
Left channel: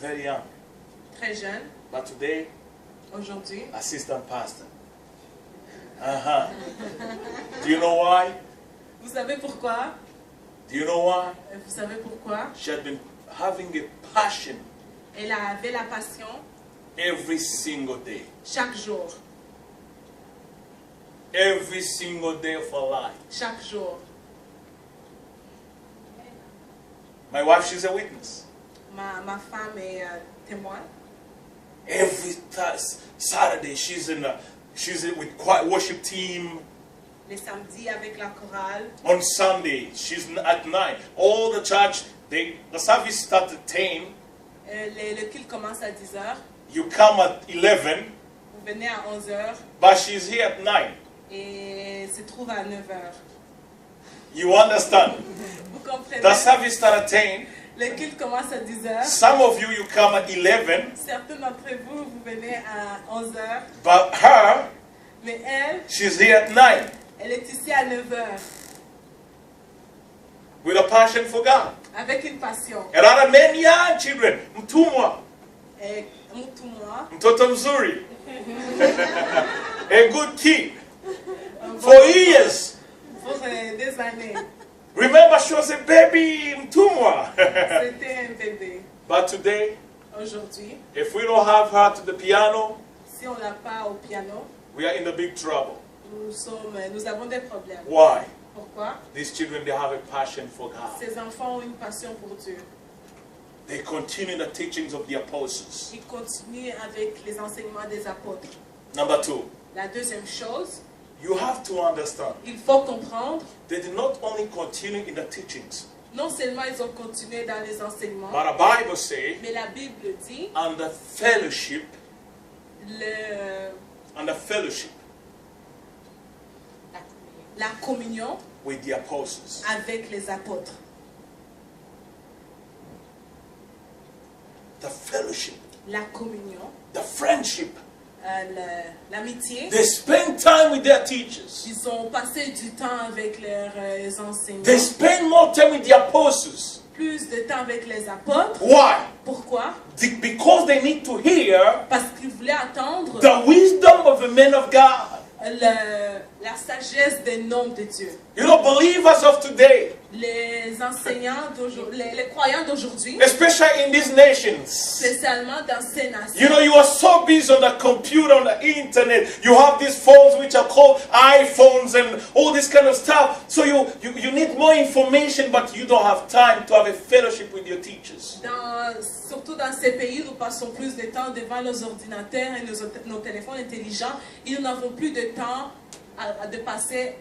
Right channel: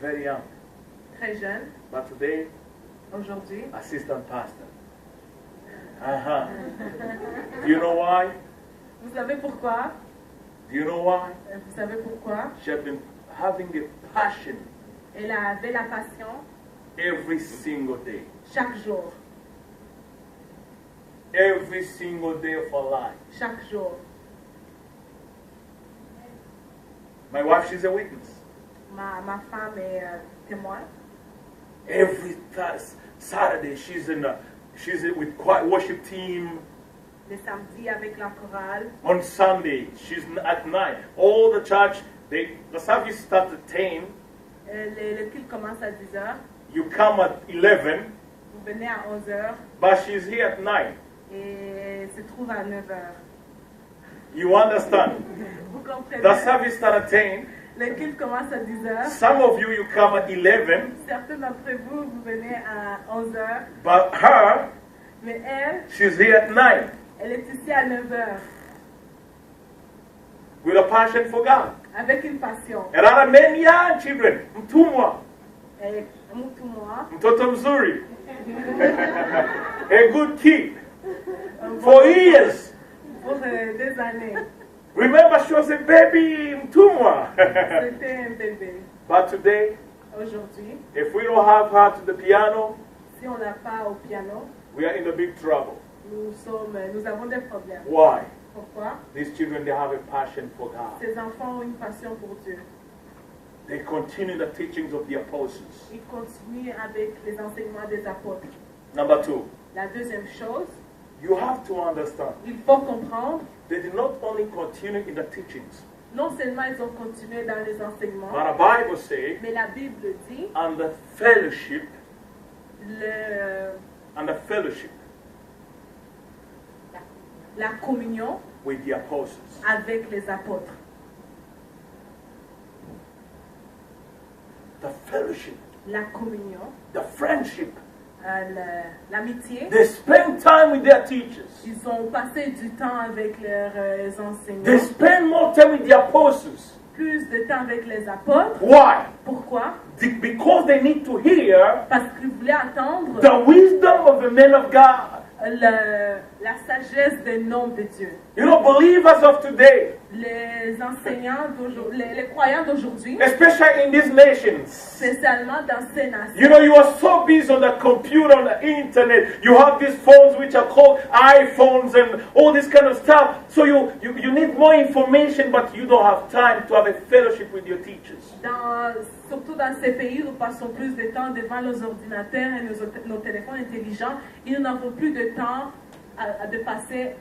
very young. très jeune. But today, Aujourd'hui, assistant pastor. Do you know why? vous savez pourquoi? Do you know why? Vous savez pourquoi? She had been having a passion Elle avait la passion every single day. chaque jour. Every single day of her life. Chaque jour. My wife, she's a witness. Ma femme est témoin. Every Saturday, she's with choir worship team. Les samedis avec la chorale. On Sunday, she's at 9. All the church, the service starts at 10. Le culte commence à 10h. You come at 11, Vous venez à 11h but she's here at 9. et se trouve à 9h. You understand? Vous comprenez? The service starts at 10. Le culte commence à 10h. Some of you come at 11, Certains d'entre vous, vous venez à 11h. but her, Mais elle, she's here at 9 elle est ici à 9h. with a passion for God. Avec une passion. And I have many young children. Mtumwa, Et tout moi. mtoto mzuri, a good kid for years. Pour des années. Remember, she was a baby mtumwa. C'était un bébé. But today, Aujourd'hui, if we don't have her to the piano, si on l'a pas au piano, we are in a big trouble. nous avons des problèmes. Why? Pourquoi? These children, they have a passion for God. Ces enfants ont une passion pour Dieu. They continue the teachings of the apostles. Ils continuent avec les enseignements des apôtres. Number two, La deuxième chose, you have to understand, il faut comprendre, they did not only continue in the teachings, non seulement ils ont continué dans les enseignements, but the Bible says, mais la Bible dit and the fellowship, le, la communion with the apostles. avec les apôtres. The fellowship, La communion, the friendship l'amitié. They spend time with their teachers. Ils ont passé du temps avec leurs enseignants. They spend more time with the apostles. Plus de temps avec les apôtres. Why? Pourquoi? Because they need to hear Parce qu'ils voulaient attendre the wisdom of the men of God. la sagesse des noms de Dieu. You know, believers of today, Les enseignants d'aujourd'hui, les croyants d'aujourd'hui, especially in these nations, spécialement dans ces nations, you know, you are so busy on the computer, on the internet. You have these phones which are called iPhones and all this kind of stuff. So you need more information, but you don't have time to have a fellowship with your teachers. Surtout dans ces pays, nous passons plus de temps devant nos ordinateurs et nos téléphones intelligents. Et nous n'avons plus de temps de passer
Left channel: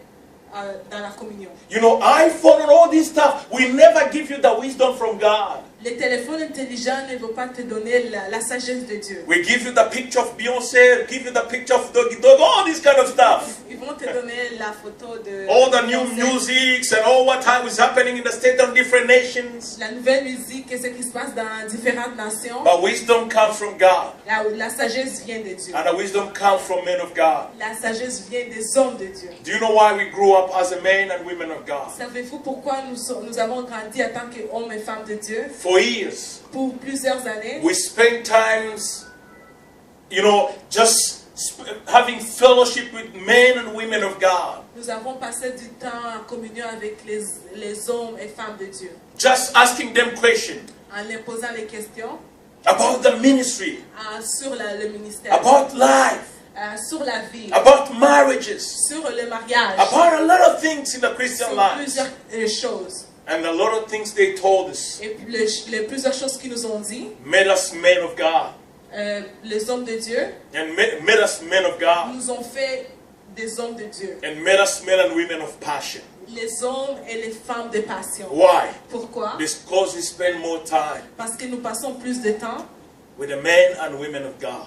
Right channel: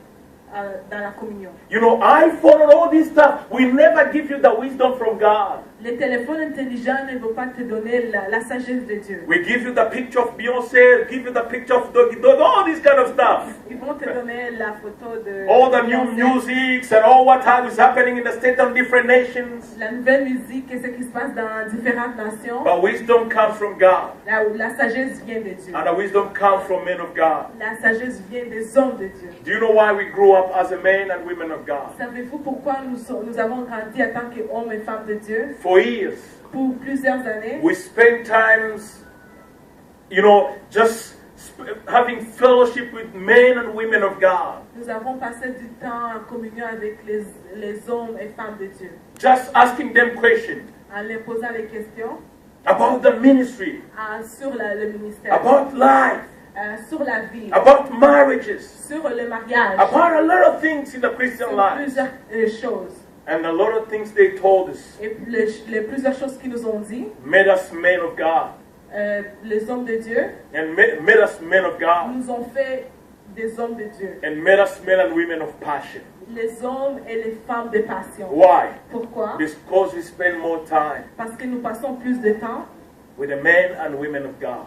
dans la communion. You know, iPhone and all this stuff will never give you the wisdom from God. Les téléphones intelligents ne vont pas te donner la sagesse de Dieu. We give you the picture of Beyonce, give you the picture of Doggy Dog, all this kind of stuff. Ils vont te donner la photo de All the new Beyoncé, musics and all what is happening in the state of different nations. la nouvelle musique et ce qui se passe dans différentes nations. But wisdom comes from God. La sagesse vient de Dieu. And the wisdom comes from men of God. La sagesse vient des hommes de Dieu. Do you know why we grew up as a men and women of God? Savez-vous pourquoi nous avons grandi en tant qu'hommes et femmes de Dieu? For years, Pour plusieurs années, we spent times, you know, just having fellowship with men and women of God. nous avons passé du temps en communion avec les hommes et femmes de Dieu. Just asking them questions En leur posant les questions about the ministry, sur le ministère, about life, sur la vie, about marriages, sur le mariage, about a lot of things in the Christian sur life. plusieurs choses. And a lot of things they told us Et puis les plusieurs choses qu'ils nous ont dit, made us men of God. les hommes de Dieu, And made us men of God. nous ont fait des hommes de Dieu. And made us men and women of passion. Les hommes et les femmes de passion. Why? Pourquoi? Because we spend more time Parce que nous passons plus de temps with the men and women of God.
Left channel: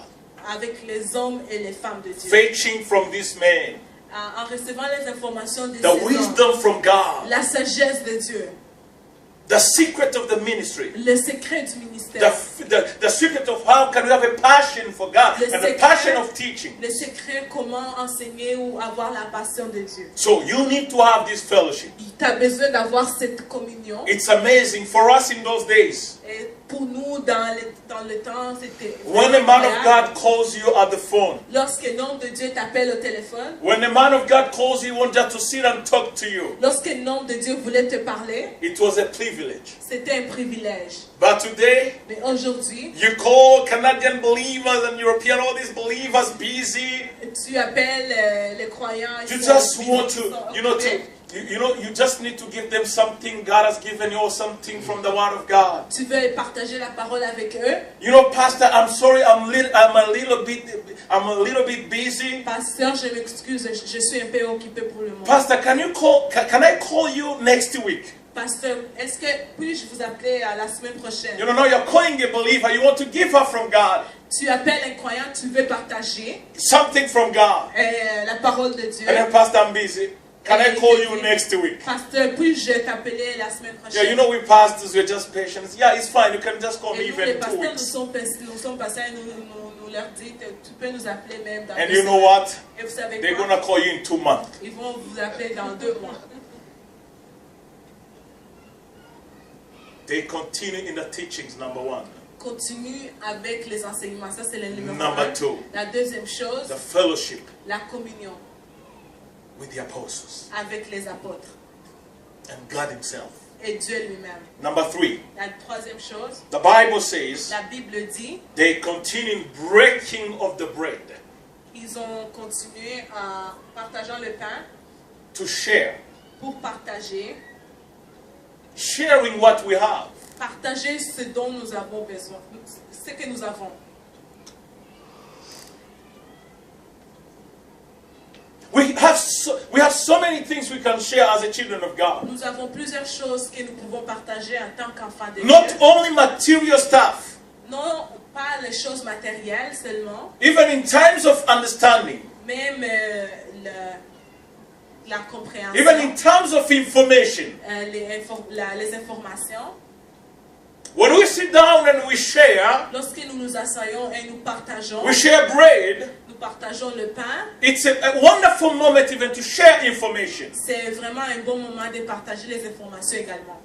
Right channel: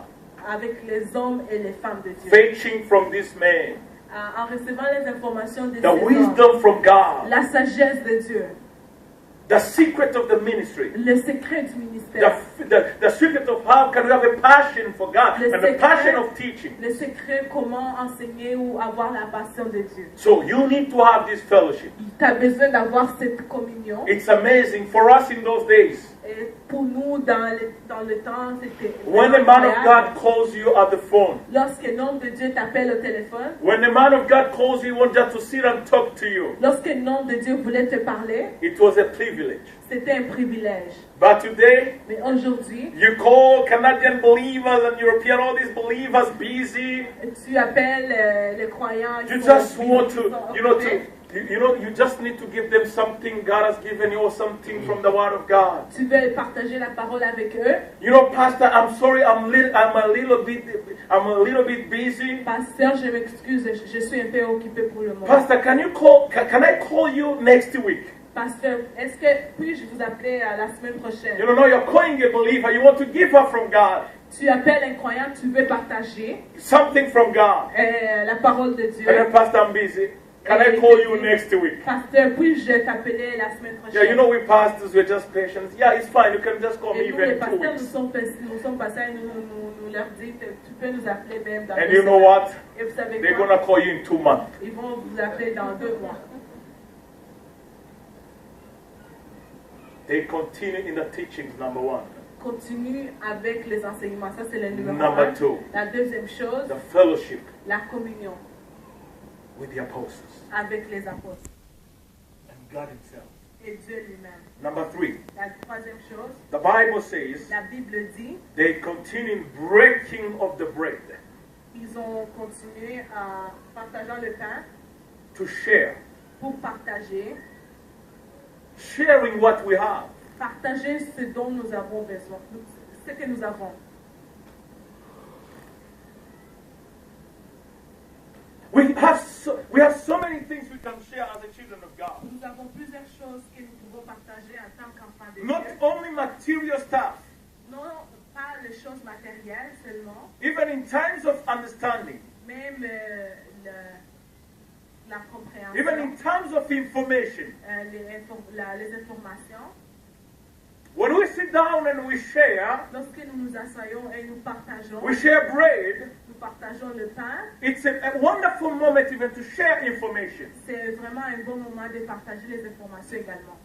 avec les hommes et les femmes de Dieu. Fetching from these men En recevant les informations de ces the hommes, wisdom from God. la sagesse de Dieu, The secret of the ministry. le secret du ministère, The secret of how can we have a passion for God Le and a secret- passion of teaching. le secret comment enseigner ou avoir la passion de Dieu. So you need to have this fellowship. Tu as besoin d'avoir cette communion. It's amazing for us in those days. Et pour nous, dans le temps, c'était... When a man of God calls you at the phone, Lorsqu'un homme de Dieu t'appelle au téléphone, when a man of God calls you, he wants just to sit and talk to you. lorsqu'un homme de Dieu voulait te parler, It was a privilege. c'était un privilège. But today, Mais aujourd'hui, you call Canadian believers and European, all these believers busy. tu appelles les croyants, You ils sont just busy, want ils to, sont you know, occupés. you just need to give them something God has given you or something from the Word of God. Tu veux partager la parole avec eux. You know, Pastor, I'm sorry, I'm a little bit busy. Pasteur, je m'excuse, je suis un peu occupé pour le moment. Pastor, can I call you next week? Pasteur, est-ce que puis-je vous appeler la semaine prochaine? You know, now you're calling a believer, you want to give her from God, Tu appelles un croyant, tu veux partager something from God. la parole de Dieu. And then, Pastor, I'm busy. Can I call you next week? Pasteur, puis-je t'appeler la semaine prochaine? Yeah, you know, we pastors, we're just patient. Yeah, it's fine. You can just call me Et nous, les even 2 pasteurs, nous weeks. sommes passés, nous leur dit, tu peux nous appeler même dans And 2 you know semaines. what? Et vous savez They're quoi? going to call you in 2 months. Ils vont vous appeler dans 2 mois. They continue in the teachings, number 1. Continue avec les enseignements. Ça, c'est le numéro Number 1. 2, La deuxième chose, the fellowship la communion with the apostles avec les apôtres and God Himself. et Dieu lui-même. Number 3, La troisième chose, the Bible says la Bible dit, they continue in breaking of the bread ils ont continué en partageant le pain to share, pour partager, sharing what we have. partager ce dont nous avons besoin, ce que nous avons. We have so many things we can share as the children of God. Nous avons plusieurs choses que nous pouvons partager en tant qu'enfants de Not Dieu. only material stuff, Non pas les choses matérielles seulement, even in times of understanding, même la compréhension, even in terms of information. les informations. When we sit down and we share Lorsque nous nous asseyons et nous partageons, bread, partageons le pain. It's a wonderful moment even to share information. C'est vraiment un bon moment de partager les informations également.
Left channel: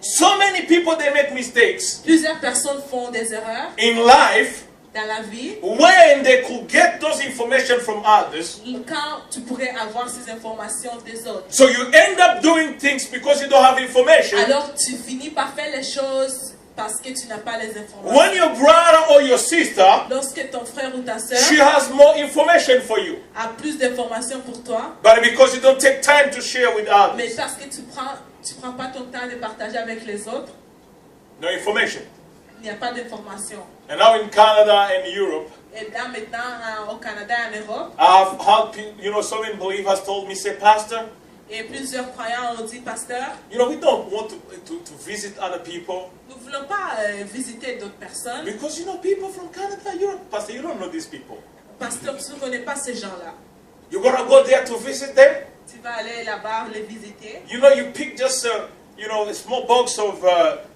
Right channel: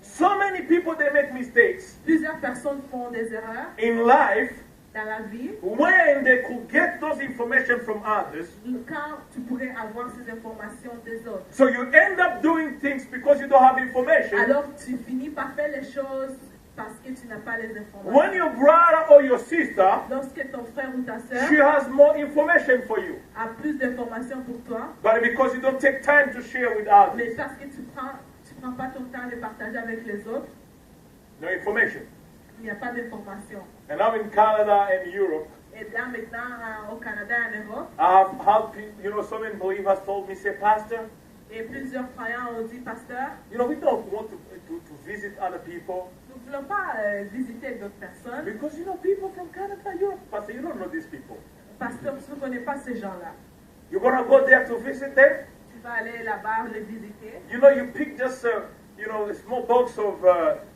So many people, they make mistakes Plusieurs personnes font des erreurs in life dans la vie. when they could get those information from others. Quand tu pourrais avoir ces informations des autres. So you end up doing things because you don't have information. Alors tu finis par faire les choses parce que tu n'as pas les informations. When your brother or your sister, Lorsque ton frère ou ta soeur she has more information for you. a plus d'informations pour toi, But because you don't take time to share with mais others, parce que tu prends pas ton temps de partager avec les autres, no information. il n'y a pas d'informations. And now in Canada and Europe, Et là maintenant au Canada et en Europe, I've had people, so many believers told me, say, Pastor, et plusieurs croyants ont dit, pasteur, we don't want to visit other people nous ne voulons pas visiter d'autres personnes. because, people from Canada, Europe, Pastor, you don't know these people. Pasteur, tu ne connais pas ces gens-là. You're going to go there to visit them? Tu vas aller là-bas les visiter. You pick just, a small box of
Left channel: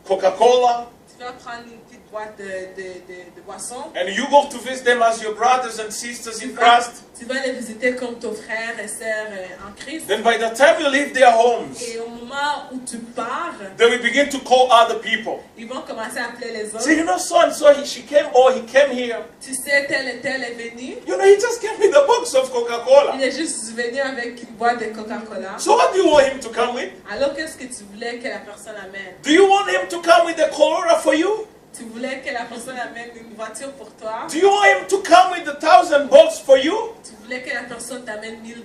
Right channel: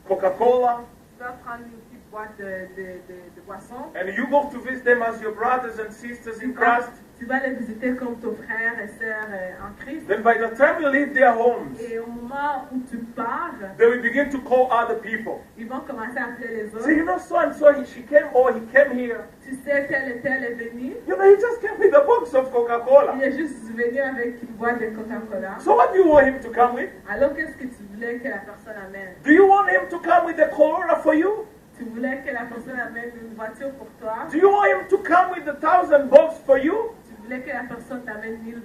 Coca-Cola, Tu vas prendre une petite boîte de boissons. and you go to visit them as your brothers and sisters in Christ. Tu vas les visiter comme ton frère et sœur en Christ. Then by the time you leave their homes, Et au moment où tu pars, they will begin to call other people. ils vont commencer à appeler les autres. Say, so and so, she came, or he came here. Tu sais, tel et tel est venu. He just came with a box of Coca-Cola. Il est juste venu avec une boîte de Coca-Cola. So what do you want him to come with? Alors qu'est-ce que tu voulais que la personne amène? Do you want him to come with a Corolla for you? Tu voulais que la personne amène une voiture pour toi? Do you want him to come with 1,000 bucks for you? Tu voulais que la personne t'amène $1000?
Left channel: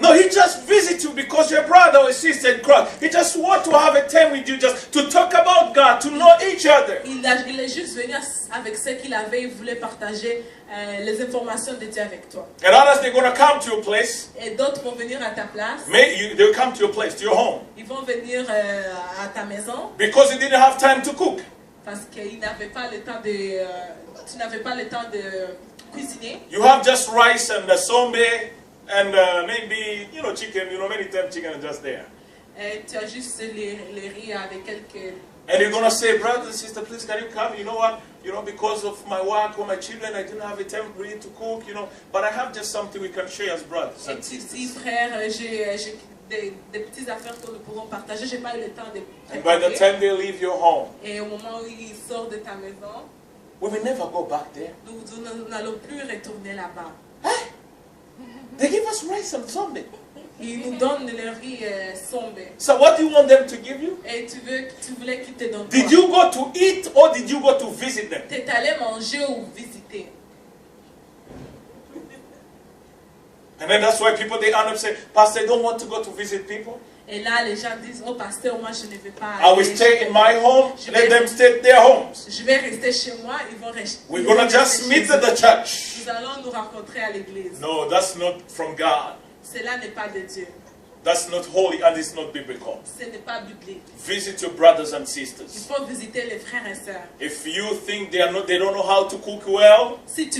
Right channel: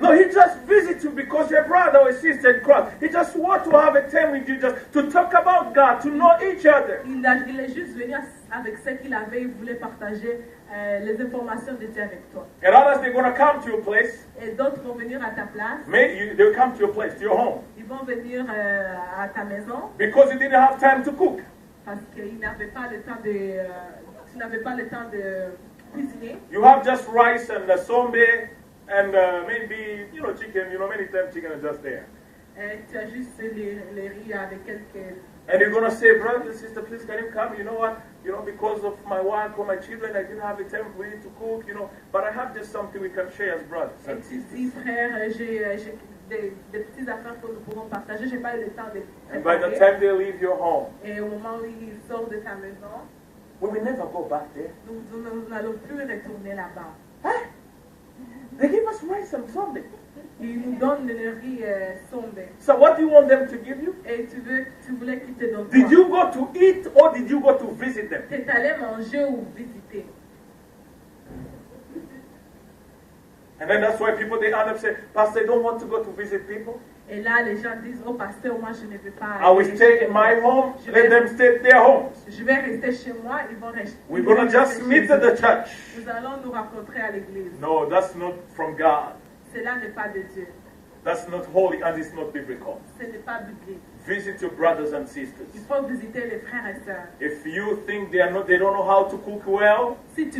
No, he just visits you because you're brother or sister in Christ. He just wants to have a time with you, just to talk about God, to know each other. Il est juste venu avec ce qu'il avait. Il voulait partager les informations de Dieu avec toi. And others, they're going to come to your place. Et d'autres vont venir à ta place. They'll come to your place, to your home. Ils vont venir à ta maison Because you didn't have time to cook. parce qu'ils n'avaient pas le temps de... tu n'avais pas le temps de cuisiner. You have just rice and sombe and maybe, chicken. Many times chicken is just there. Et tu as juste les riz avec quelques... And you're going to say, brother and sister, please can you come? You know what? Because of my work or my children, I didn't have a time really to cook, But I have just something we can share as brothers. Et tu dis, frère, j'ai des petites affaires que nous pourrons partager. J'ai pas eu le temps de And by the préparer. time they leave your home, Et au moment où ils sortent de ta maison, we will never go back there. nous n'allons plus retourner là-bas. They give us rice and sombe. Ils nous donnent le riz sombre. So what do you want them to give you? Et tu voulais qu'ils te donnent Did quoi? you go to eat or did you go to visit them? T'es allé manger ou visiter. And then that's why people, they end up saying, Pastor, I don't want to go to visit people. Et là, les gens disent, oh pasteur, moi je ne vais pas I will aller. stay in my home, let them stay at their homes. Je vais rester chez moi, ils vont rester. We're going to just meet at the church. Nous allons nous rencontrer à l'église. No, that's not from God. Cela n'est pas de Dieu. That's not holy and it's not biblical. Ce n'est pas biblique. Visit your brothers and Il sisters. faut visiter les frères et sœurs. If you think they don't know how to cook well, Si tu